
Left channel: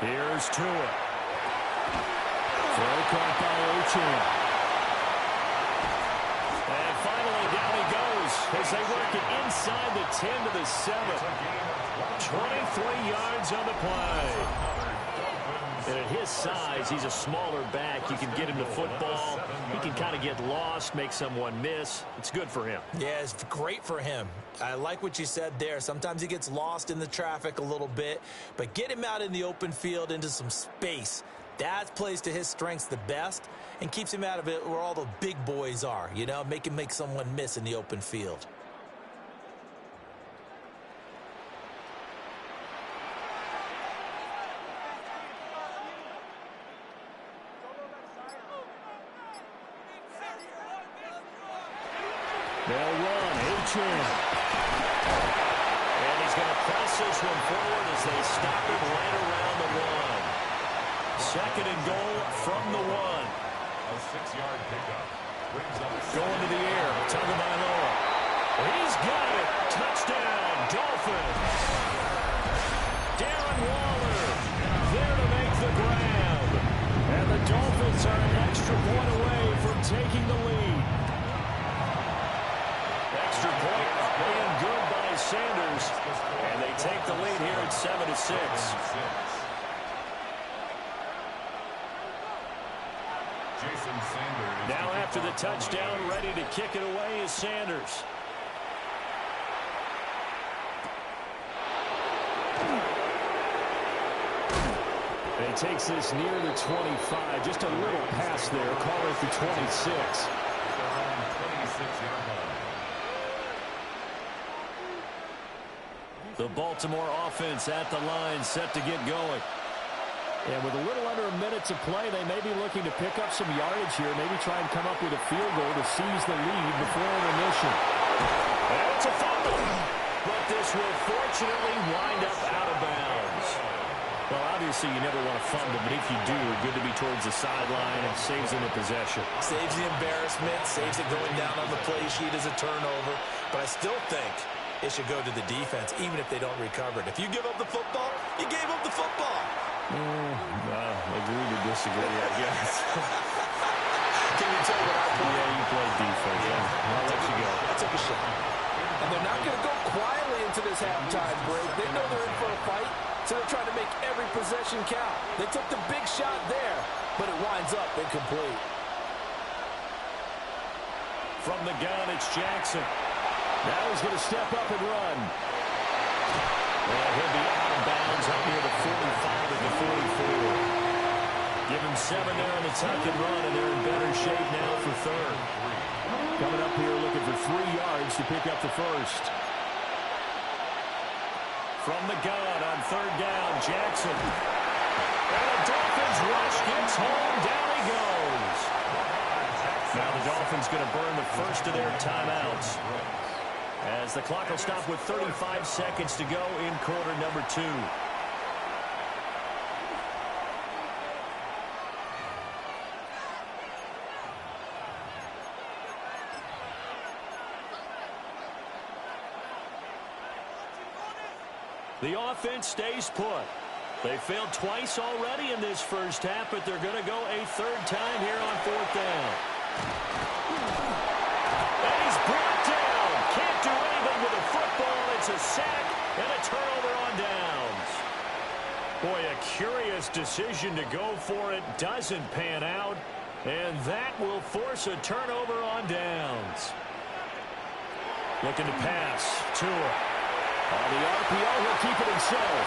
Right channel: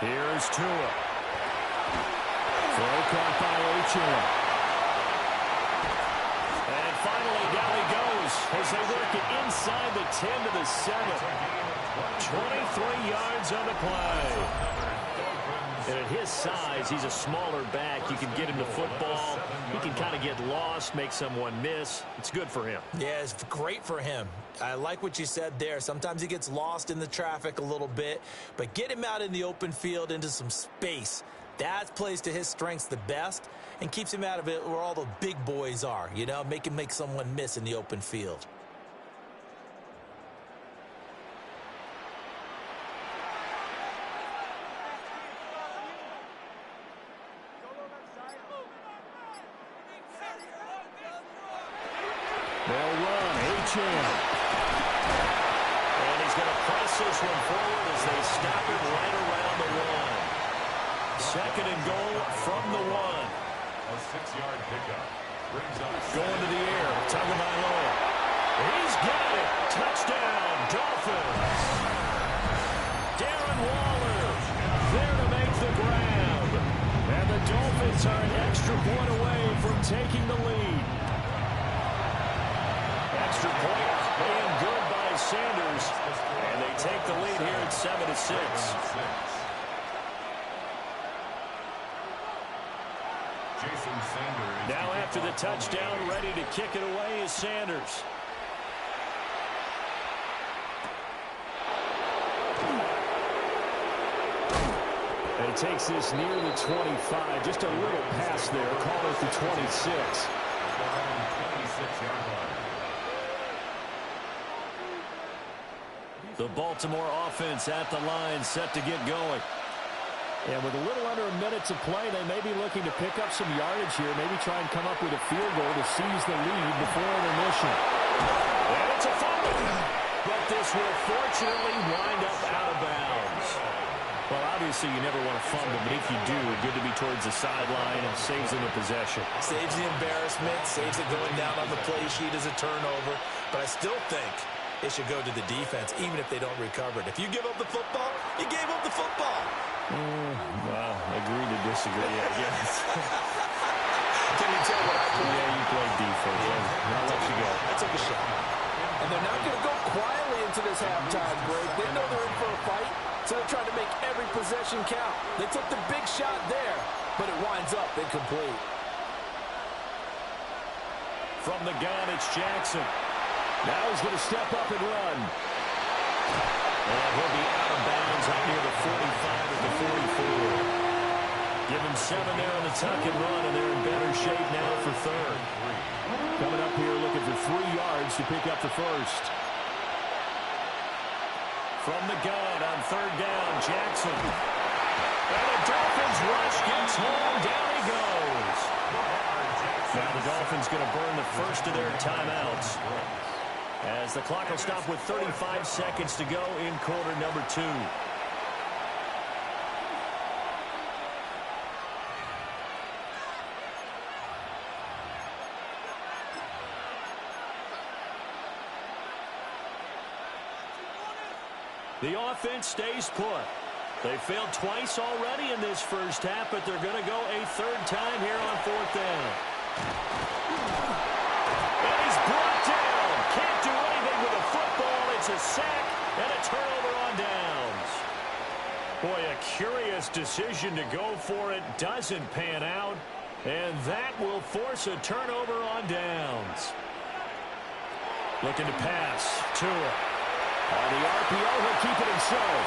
Here's Tua. Throw caught by Achane. And finally, down he goes as they work it inside the 10 to the 7. 23 yards on the play. And at his size, he's a smaller back. You can get him to football. He can kind of get lost, make someone miss. It's good for him. Yeah, it's great for him. I like what you said there. Sometimes he gets lost in the traffic a little bit, but get him out in the open field into some space. That plays to his strengths the best and keeps him out of it where all the big boys are, you know, make him make someone miss in the open field. They'll run. Achane. And he's going to press this one forward as they stop him right around the 1. 2nd and goal from the 1. A 6-yard pickup. Brings up going to the air. Tagovailoa. He's got it. Touchdown, Dolphins. Darren Waller there to make the grab. And the Dolphins are an extra point away from taking the lead. Extra point and good by Sanders. And they take the lead here at 7-6. Now after the touchdown, ready to kick it away is Sanders. And he takes this near the 25. Just a little pass there. Call it the 26. The Baltimore offense at the line, set to get going. And with a little under a minute to play, they may be looking to pick up some yardage here, maybe try and come up with a field goal to seize the lead before intermission. And it's a fumble. but this will fortunately wind up out of bounds. Well, obviously, you never want to fumble, but if you do, good to be towards the sideline and saves them the possession. Saves the embarrassment, saves it going down on the play sheet as a turnover. But I still think it should go to the defense, even if they don't recover it. If you give up the football, you gave up the football. Agree to disagree, I guess. Can you tell what I play? Yeah, you played defense. Yeah. I'll let you go. I took a shot. And they're not going to go quietly into this halftime break. They know they're in for a fight, so they're trying to make every possession count. They took the big shot there, but it winds up incomplete. From the gun, it's Jackson. Now he's going to step up and run. And he'll be out of bounds up near the 45 at the 44. Give him 7 there on the tuck and run, and they're in better shape now for third. Coming up here looking for 3 yards to pick up the first. From the gun on third down, Jackson. And the Dolphins rush gets home. Down he goes. Now the Dolphins going to burn the first of their timeouts, as the clock will stop with 35 seconds to go in quarter number 2. The offense stays put. They failed twice already in this first half, but they're going to go a third time here on fourth down. And he's brought down. Can't do anything with a football. It's a sack and a turnover on downs. Boy, a curious decision to go for it. Doesn't pan out. And that will force a turnover on downs. Looking to pass. Tua. On the RPO, he'll keep it himself.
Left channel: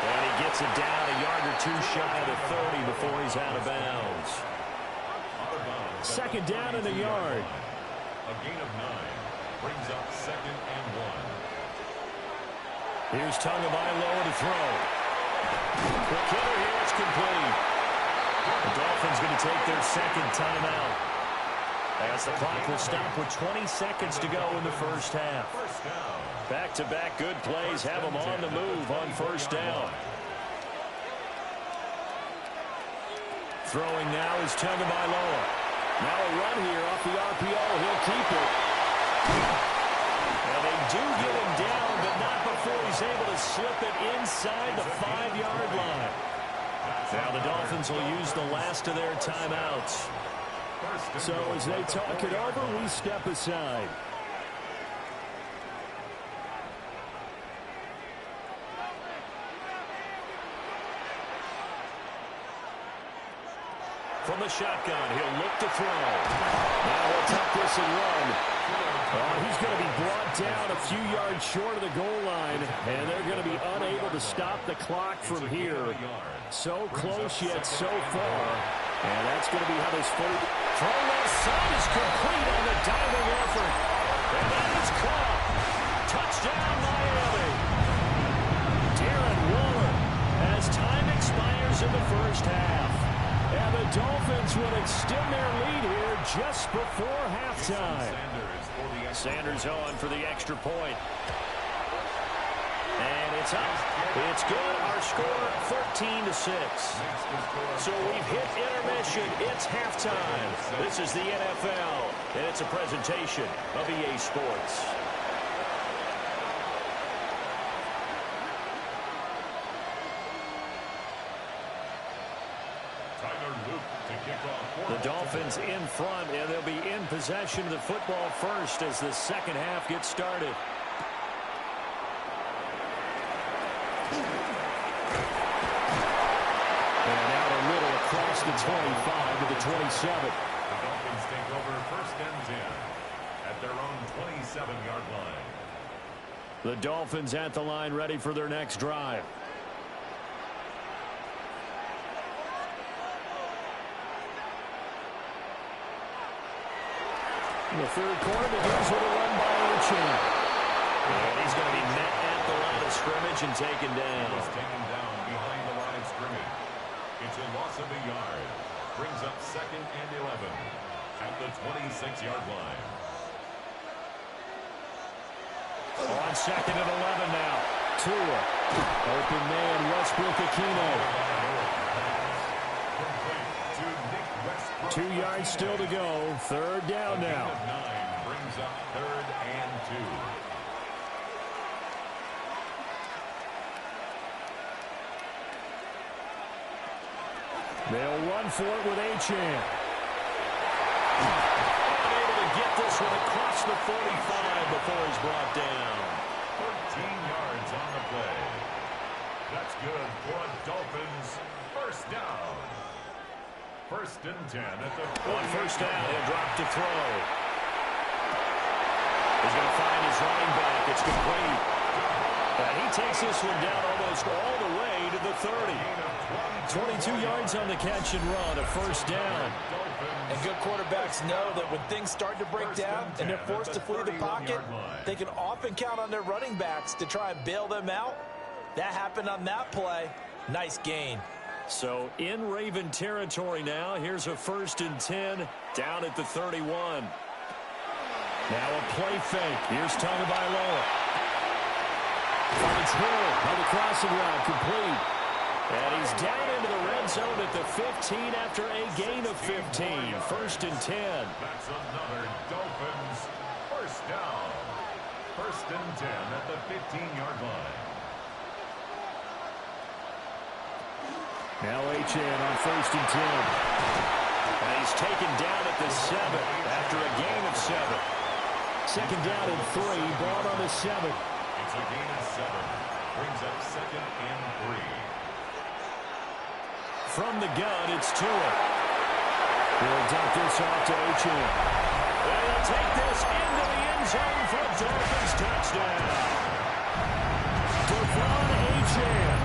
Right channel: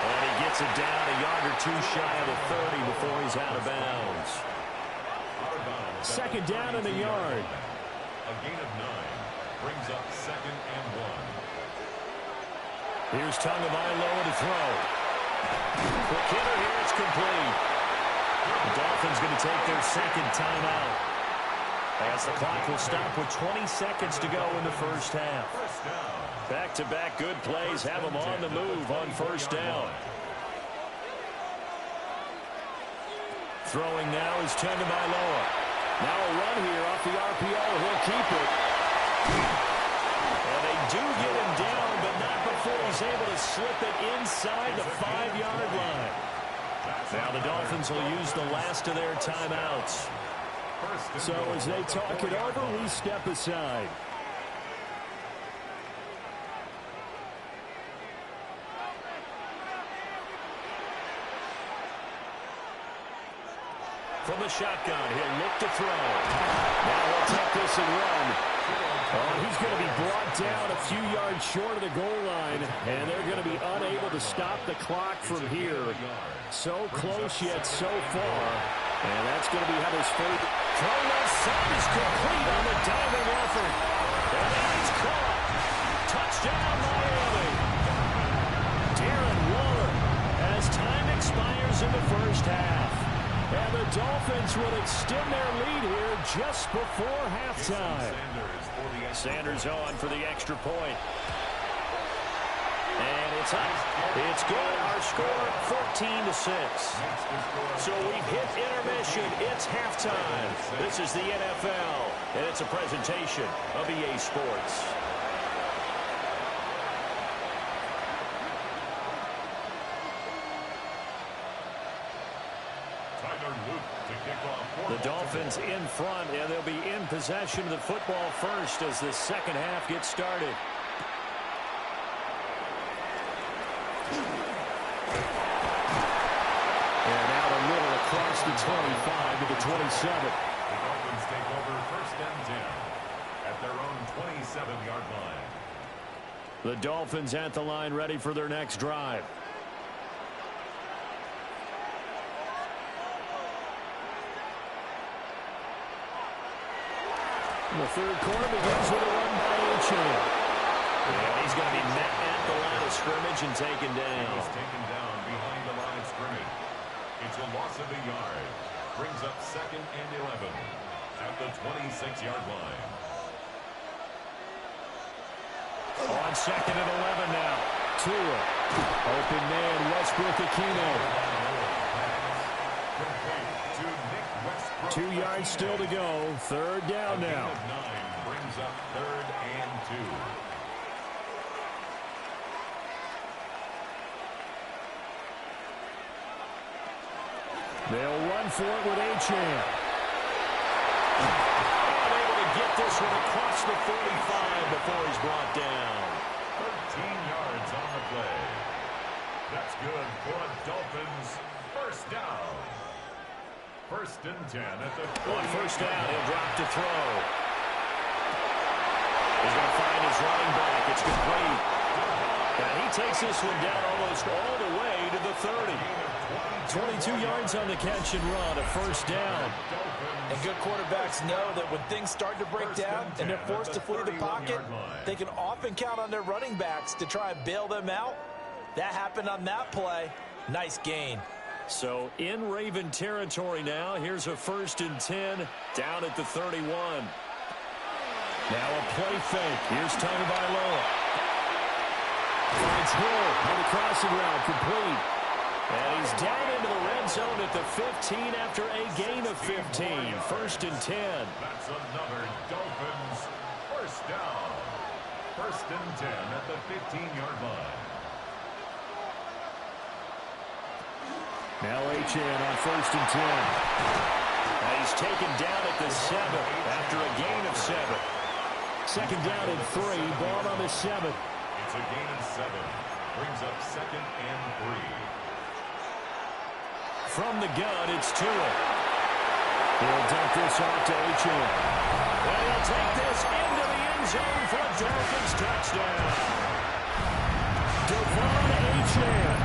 And he gets it down a yard or 2 shy of the 30 before he's out of bounds. Second down in the yard. A gain of 9 brings up 2nd and 1. Here's Tagovailoa to throw. Quick hitter here, it's complete. The Dolphins going to take their second timeout, as the clock will stop with 20 seconds to go in the first half. Back-to-back good plays have them on the move on first down. Throwing now is Tagovailoa. Now a run here off the RPO. He'll keep it. And they do get him down, but not before he's able to slip it inside the 5-yard line. Now the Dolphins will use the last of their timeouts. So as they talk it over, we step aside. From the shotgun, he'll look to throw. Now he'll tuck this and run. Oh, he's going to be brought down a few yards short of the goal line, and they're going to be unable to stop the clock from here. So close yet so far, and that's going to be how this first throw left side is complete on the diving effort. And that is caught. Touchdown, Miami. Darren Waller, as time expires in the first half. And the Dolphins will extend their lead here just before halftime. Sanders on for the extra point. And it's up. It's good. Our score, 14-6. So we've hit intermission. It's halftime. This is the NFL, and it's a presentation of EA Sports. The Dolphins in front, and they'll be in possession of the football first as the second half gets started. And out a little across the 25 to the 27. The Dolphins take over 1st and 10 at their own 27-yard line. The Dolphins at the line, ready for their next drive. The third quarter begins with a run by Achane. And he's going to be met at the line of scrimmage and taken down. He's taken down behind the line of scrimmage. It's a loss of a yard. Brings up 2nd and 11 at the 26-yard line. On 2nd and 11 now. Tua. Open man, Westbrook-Ikhine. 2 yards still to go. 3rd down now. 9 brings up 3rd and 2. They'll run for it with Achane. Unable to get this one across the 45 before he's brought down. 13 yards on the play. That's good for a Dolphins 1st down. 1st and 10 at the 40. On 1st down, he'll drop to throw. He's going to find his running back. It's complete. And he takes this one down almost all the way to the 30. 22 yards on the catch and run, a 1st down. And good quarterbacks know that when things start to break down and they're forced to flee the pocket, they can often count on their running backs to try and bail them out. That happened on that play. Nice gain. So in Raven territory now. Here's a 1st and 10 down at the 31. Now a play fake. Here's Tagovailoa. Finds Hill on the crossing route, complete. And he's down into the red zone at the 15 after a gain of 15. 1st and 10. That's another Dolphins 1st down. 1st and 10 at the 15-yard line. Now Achane on 1st and 10. And he's taken down at the 7 after a gain of 7. 2nd down and 3. Ball on the 7. It's a gain of 7. Brings up 2nd and 3. From the gun, it's Tua. He'll dump this off to Achane. And he'll take this into the end zone for a Dolphins touchdown. Devon Achane,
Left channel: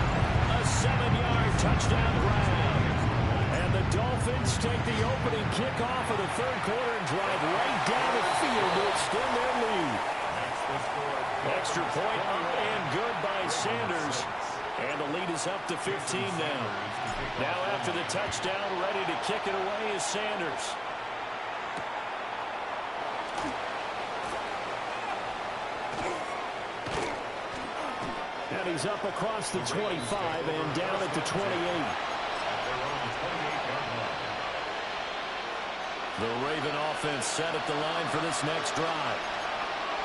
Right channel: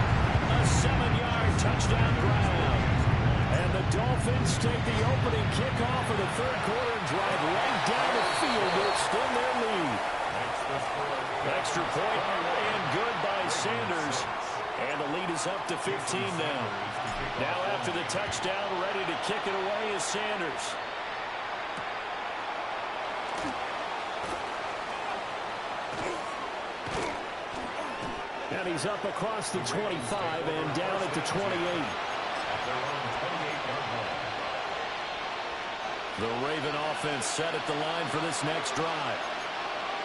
a 7-yard touchdown grab. And the Dolphins take the opening kickoff of the 3rd quarter and drive right down the field to extend their lead. Extra point and good by Sanders. And the lead is up to 15 now. Now after the touchdown, ready to kick it away is Sanders. And he's up across the 25 and down at the 28. At their own 28-yard line. The Raven offense set at the line for this next drive.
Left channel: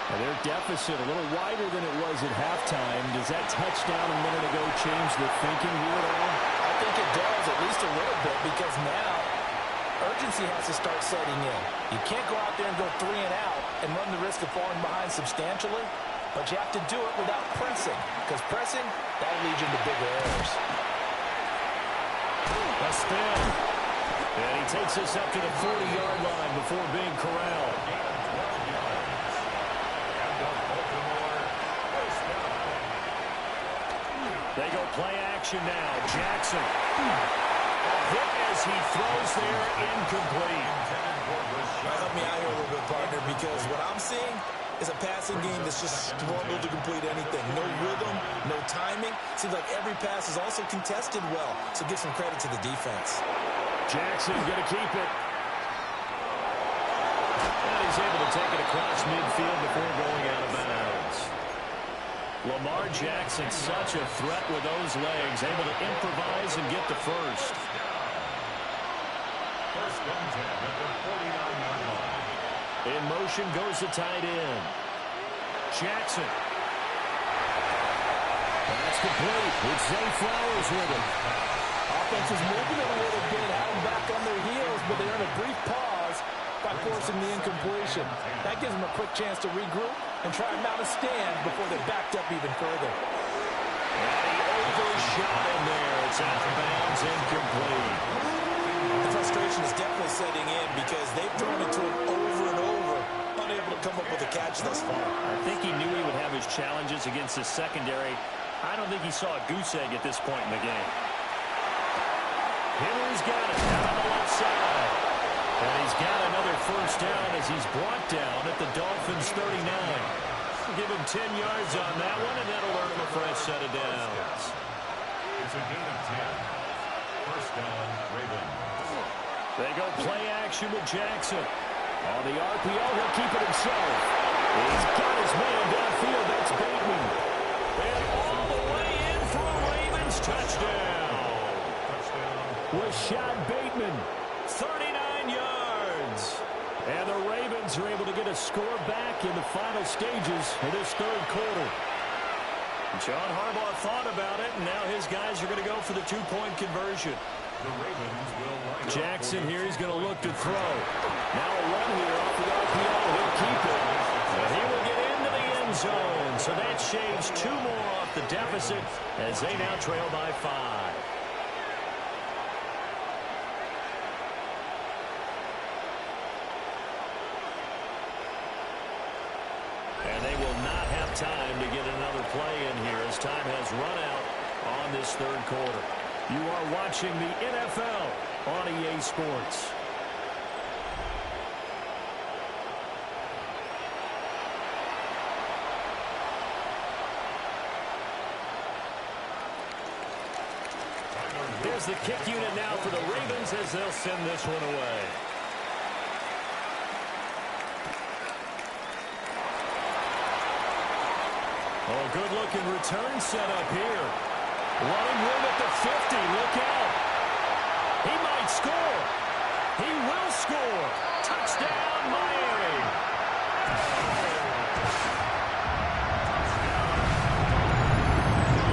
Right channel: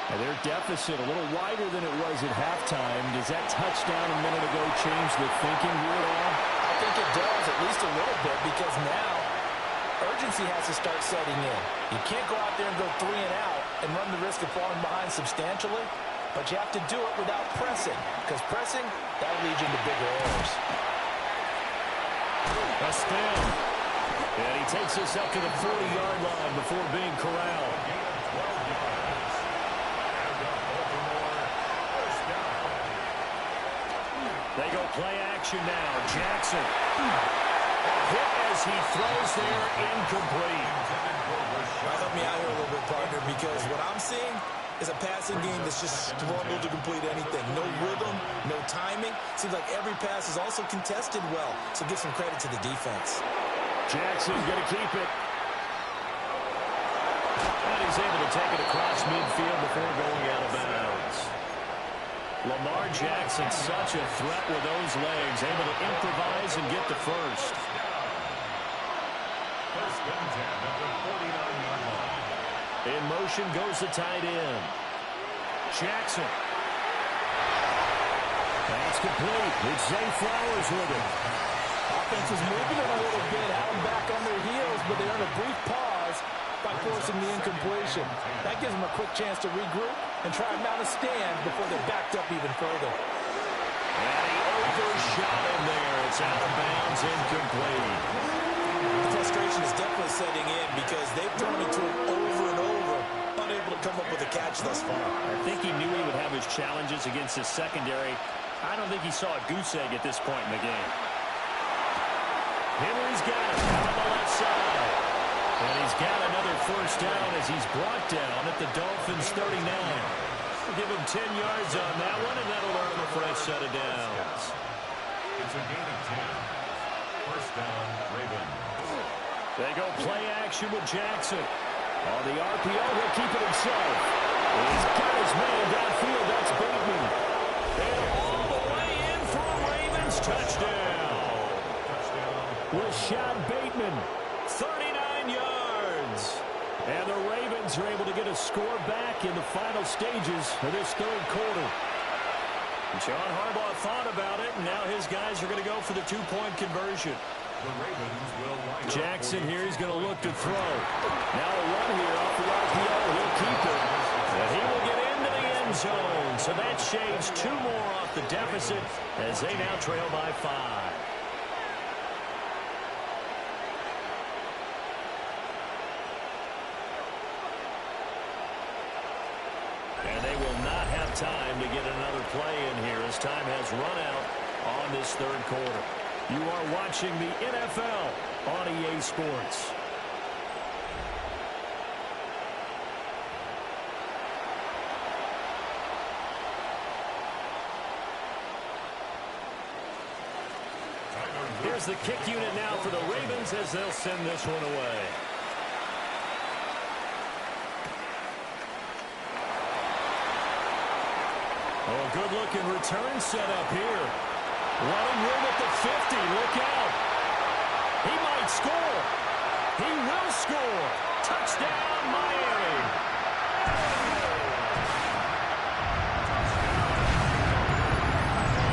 And their deficit a little wider than it was at halftime. Does that touchdown a minute ago change the thinking here at all? I think it does, at least a little bit, because now urgency has to start setting in. You can't go out there and go 3 and out and run the risk of falling behind substantially, but you have to do it without pressing, because pressing, that'll lead you into bigger errors. A spin. And he takes us up to the 40-yard line before being corralled. Gain of 12 yards. And the Baltimore 1st down. They go play action now. Jackson. A hit as he throws there, incomplete. Help me out here a little bit, partner, because what I'm seeing is a passing game that's just struggled to complete anything. No rhythm, no timing. Seems like every pass is also contested well, so give some credit to the defense. Jackson going to keep it. And he's able to take it across midfield before going out of bounds. Lamar Jackson, such a threat with those legs, able to improvise and get the first. 1st and 10 at the 49-yard line. In motion goes the tight end. Jackson. That's complete. It's Zay Flowers with it. Offense is moving it a little bit, had them back on their heels, but they earn a brief pause by forcing the incompletion. That gives them a quick chance to regroup and try and mount a stand before they're backed up even further. And he overshot him there. It's out of bounds, incomplete. The frustration is definitely setting in because they've thrown it to him over and over, unable to come up with a catch thus far. I think he knew he would have his challenges against his secondary. I don't think he saw a goose egg at this point in the game. Henry's got it out on the left side. And he's got another first down as he's brought down at the Dolphins' 39. We'll give him 10 yards on that one, and that'll earn him a fresh set of downs. It's a gain of 10. 1st down, Ravens. They go play action with Jackson. On the RPO, he'll keep it himself. He's got his man downfield. That's Bateman. And all the way in for a Ravens touchdown. Rashad Bateman, 39 yards. And the Ravens are able to get a score back in the final stages of this third quarter. John Harbaugh thought about it, and now his guys are going to go for the two-point conversion. The Ravens will line up. Jackson here, he's going to look to throw. Now a run here off the RPO. He'll keep it. And he will get into the end zone. So that shaves 2 more off the deficit as they now trail by 5. And they will not have time to get another play in here as time has run out on this third quarter. You are watching the NFL on EA Sports. Here's the kick unit now for the Ravens as they'll send this one away. Oh, good-looking return set up here. Running room at the 50. Look out. He might score. He will score. Touchdown, Miami.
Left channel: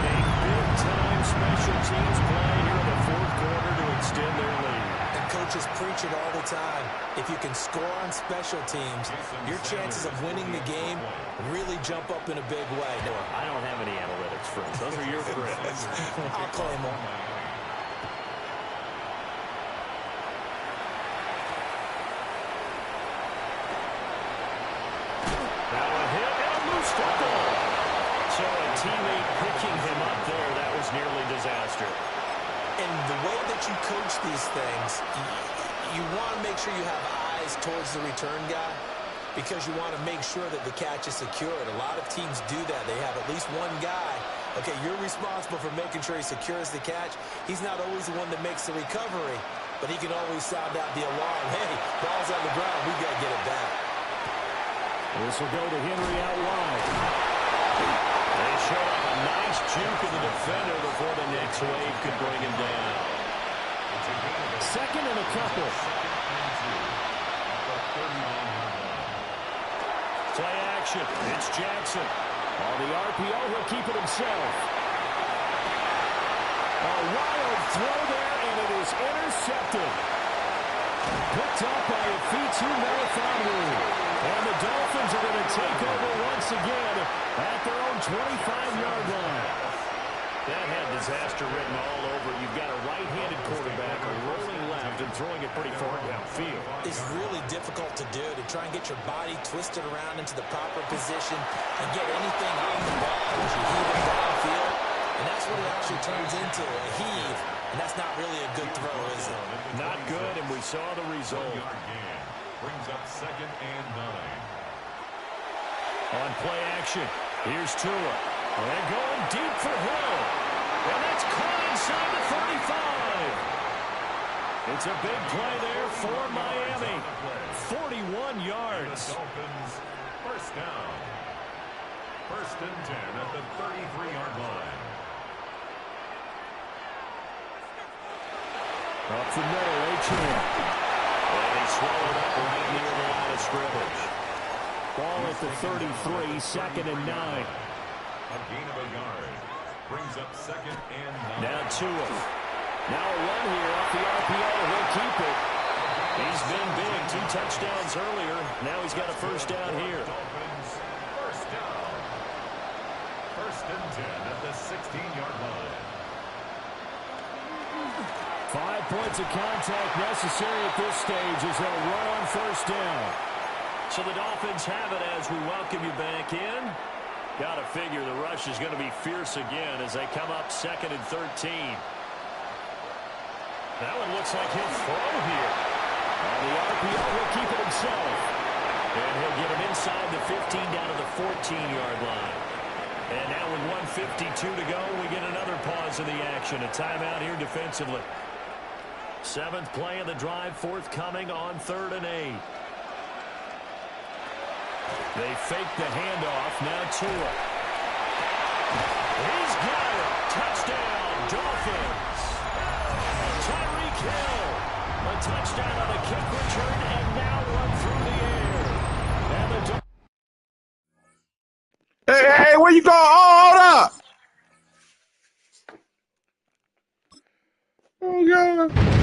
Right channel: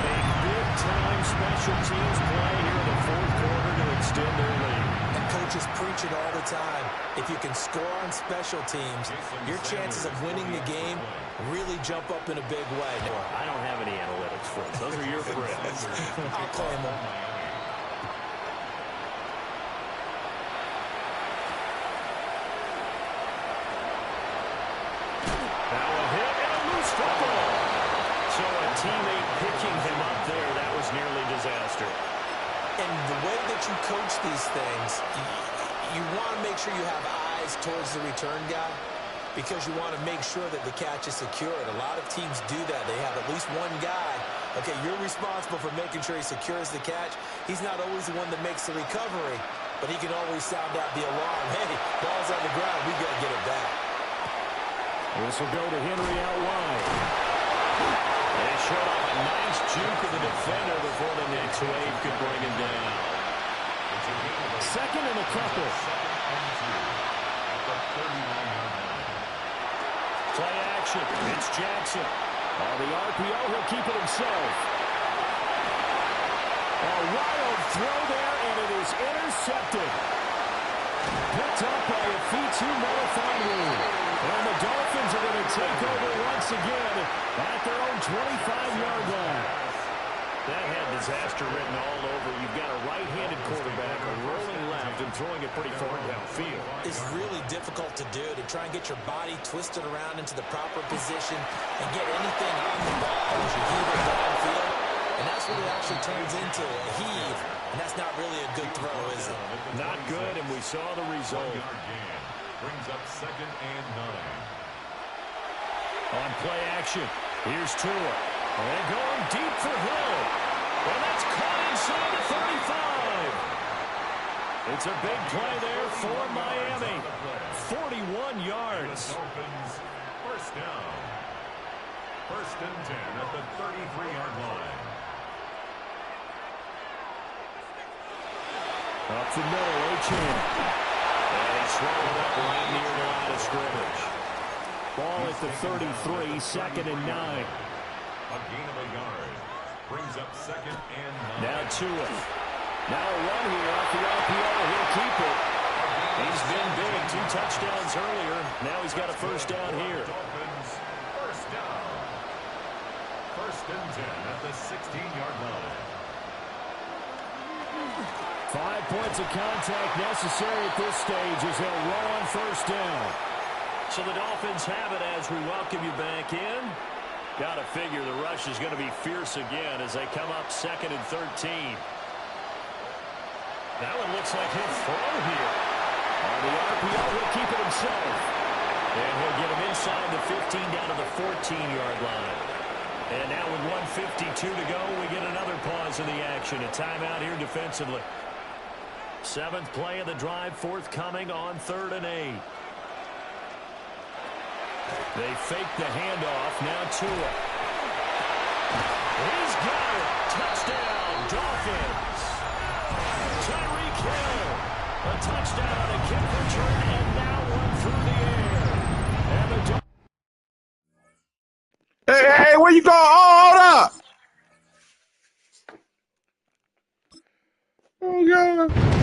A big-time special teams play here in the fourth quarter to extend their lead. And coaches preach it all the time. If you can score on special teams, your chances of winning the game really jump up in a big way. I don't have any analytics, friends. Those are your friends. I'll claim them. Now a hit and a loose football. So a teammate picking him up there, that was nearly disaster. And the way that you coach these things, you want to make sure you have eyes towards the return guy because you want to make sure that the catch is secured. A lot of teams do that. They have at least one guy. Okay, you're responsible for making sure he secures the catch. He's not always the one that makes the recovery, but he can always sound out the alarm. Hey, ball's on the ground. We got to get it back. This will go to Henry out wide. They showed off a nice juke of the defender before the next wave could bring him down. Second and a couple. Play action. It's Jackson. On the RPO, he'll keep it himself. A wild throw there, and it is intercepted. Picked up by a Fitu Melifonwu. And the Dolphins are going to take over once again at their own 25-yard line. That had disaster written all over. You've got a right-handed quarterback rolling left and throwing it pretty far downfield. It's really difficult to do, to try and get your body twisted around into the proper position and get anything on the ball as you heave it downfield. And that's what it actually turns into, a heave. And that's not really a good throw, is it? Not good, and we saw the result. Brings up 2nd and 9. On play action, here's Tua. And going deep for Hill. And that's caught inside the 35. It's a big play there for Miami. 41 yards. The Dolphins, first down. 1st and 10 at the 33-yard line. Up the middle, A-Chan. And he swallowed up right near the line of scrimmage. Ball at the 33, 2nd and 9. A gain of a yard. Brings up 2nd and 9. Now Tua. Now a run here off the RPO. He'll keep it. He's been big. 2 touchdowns earlier. Now he's got a first down here. Dolphins, first down. 1st and 10 at the 16-yard line. 5 points of contact necessary at this stage as they'll run on first down. So the Dolphins have it as we welcome you back in. Got to figure the rush is going to be fierce again as they come up 2nd and 13. That one looks like he'll throw here. On the RPO, he'll keep it himself. And he'll get him inside the 15 down to the 14-yard line. And now with 1:52 to go, we get another pause in the action. A timeout here defensively. 7th play of the drive forthcoming on 3rd and 8. They fake the handoff. Now Tua. He's got it. Touchdown, Dolphins. Tyreek Hill. A touchdown on a kick return, and now one through the air. And the Dolphins. Hey, where you going? Oh, hold up. Oh, God.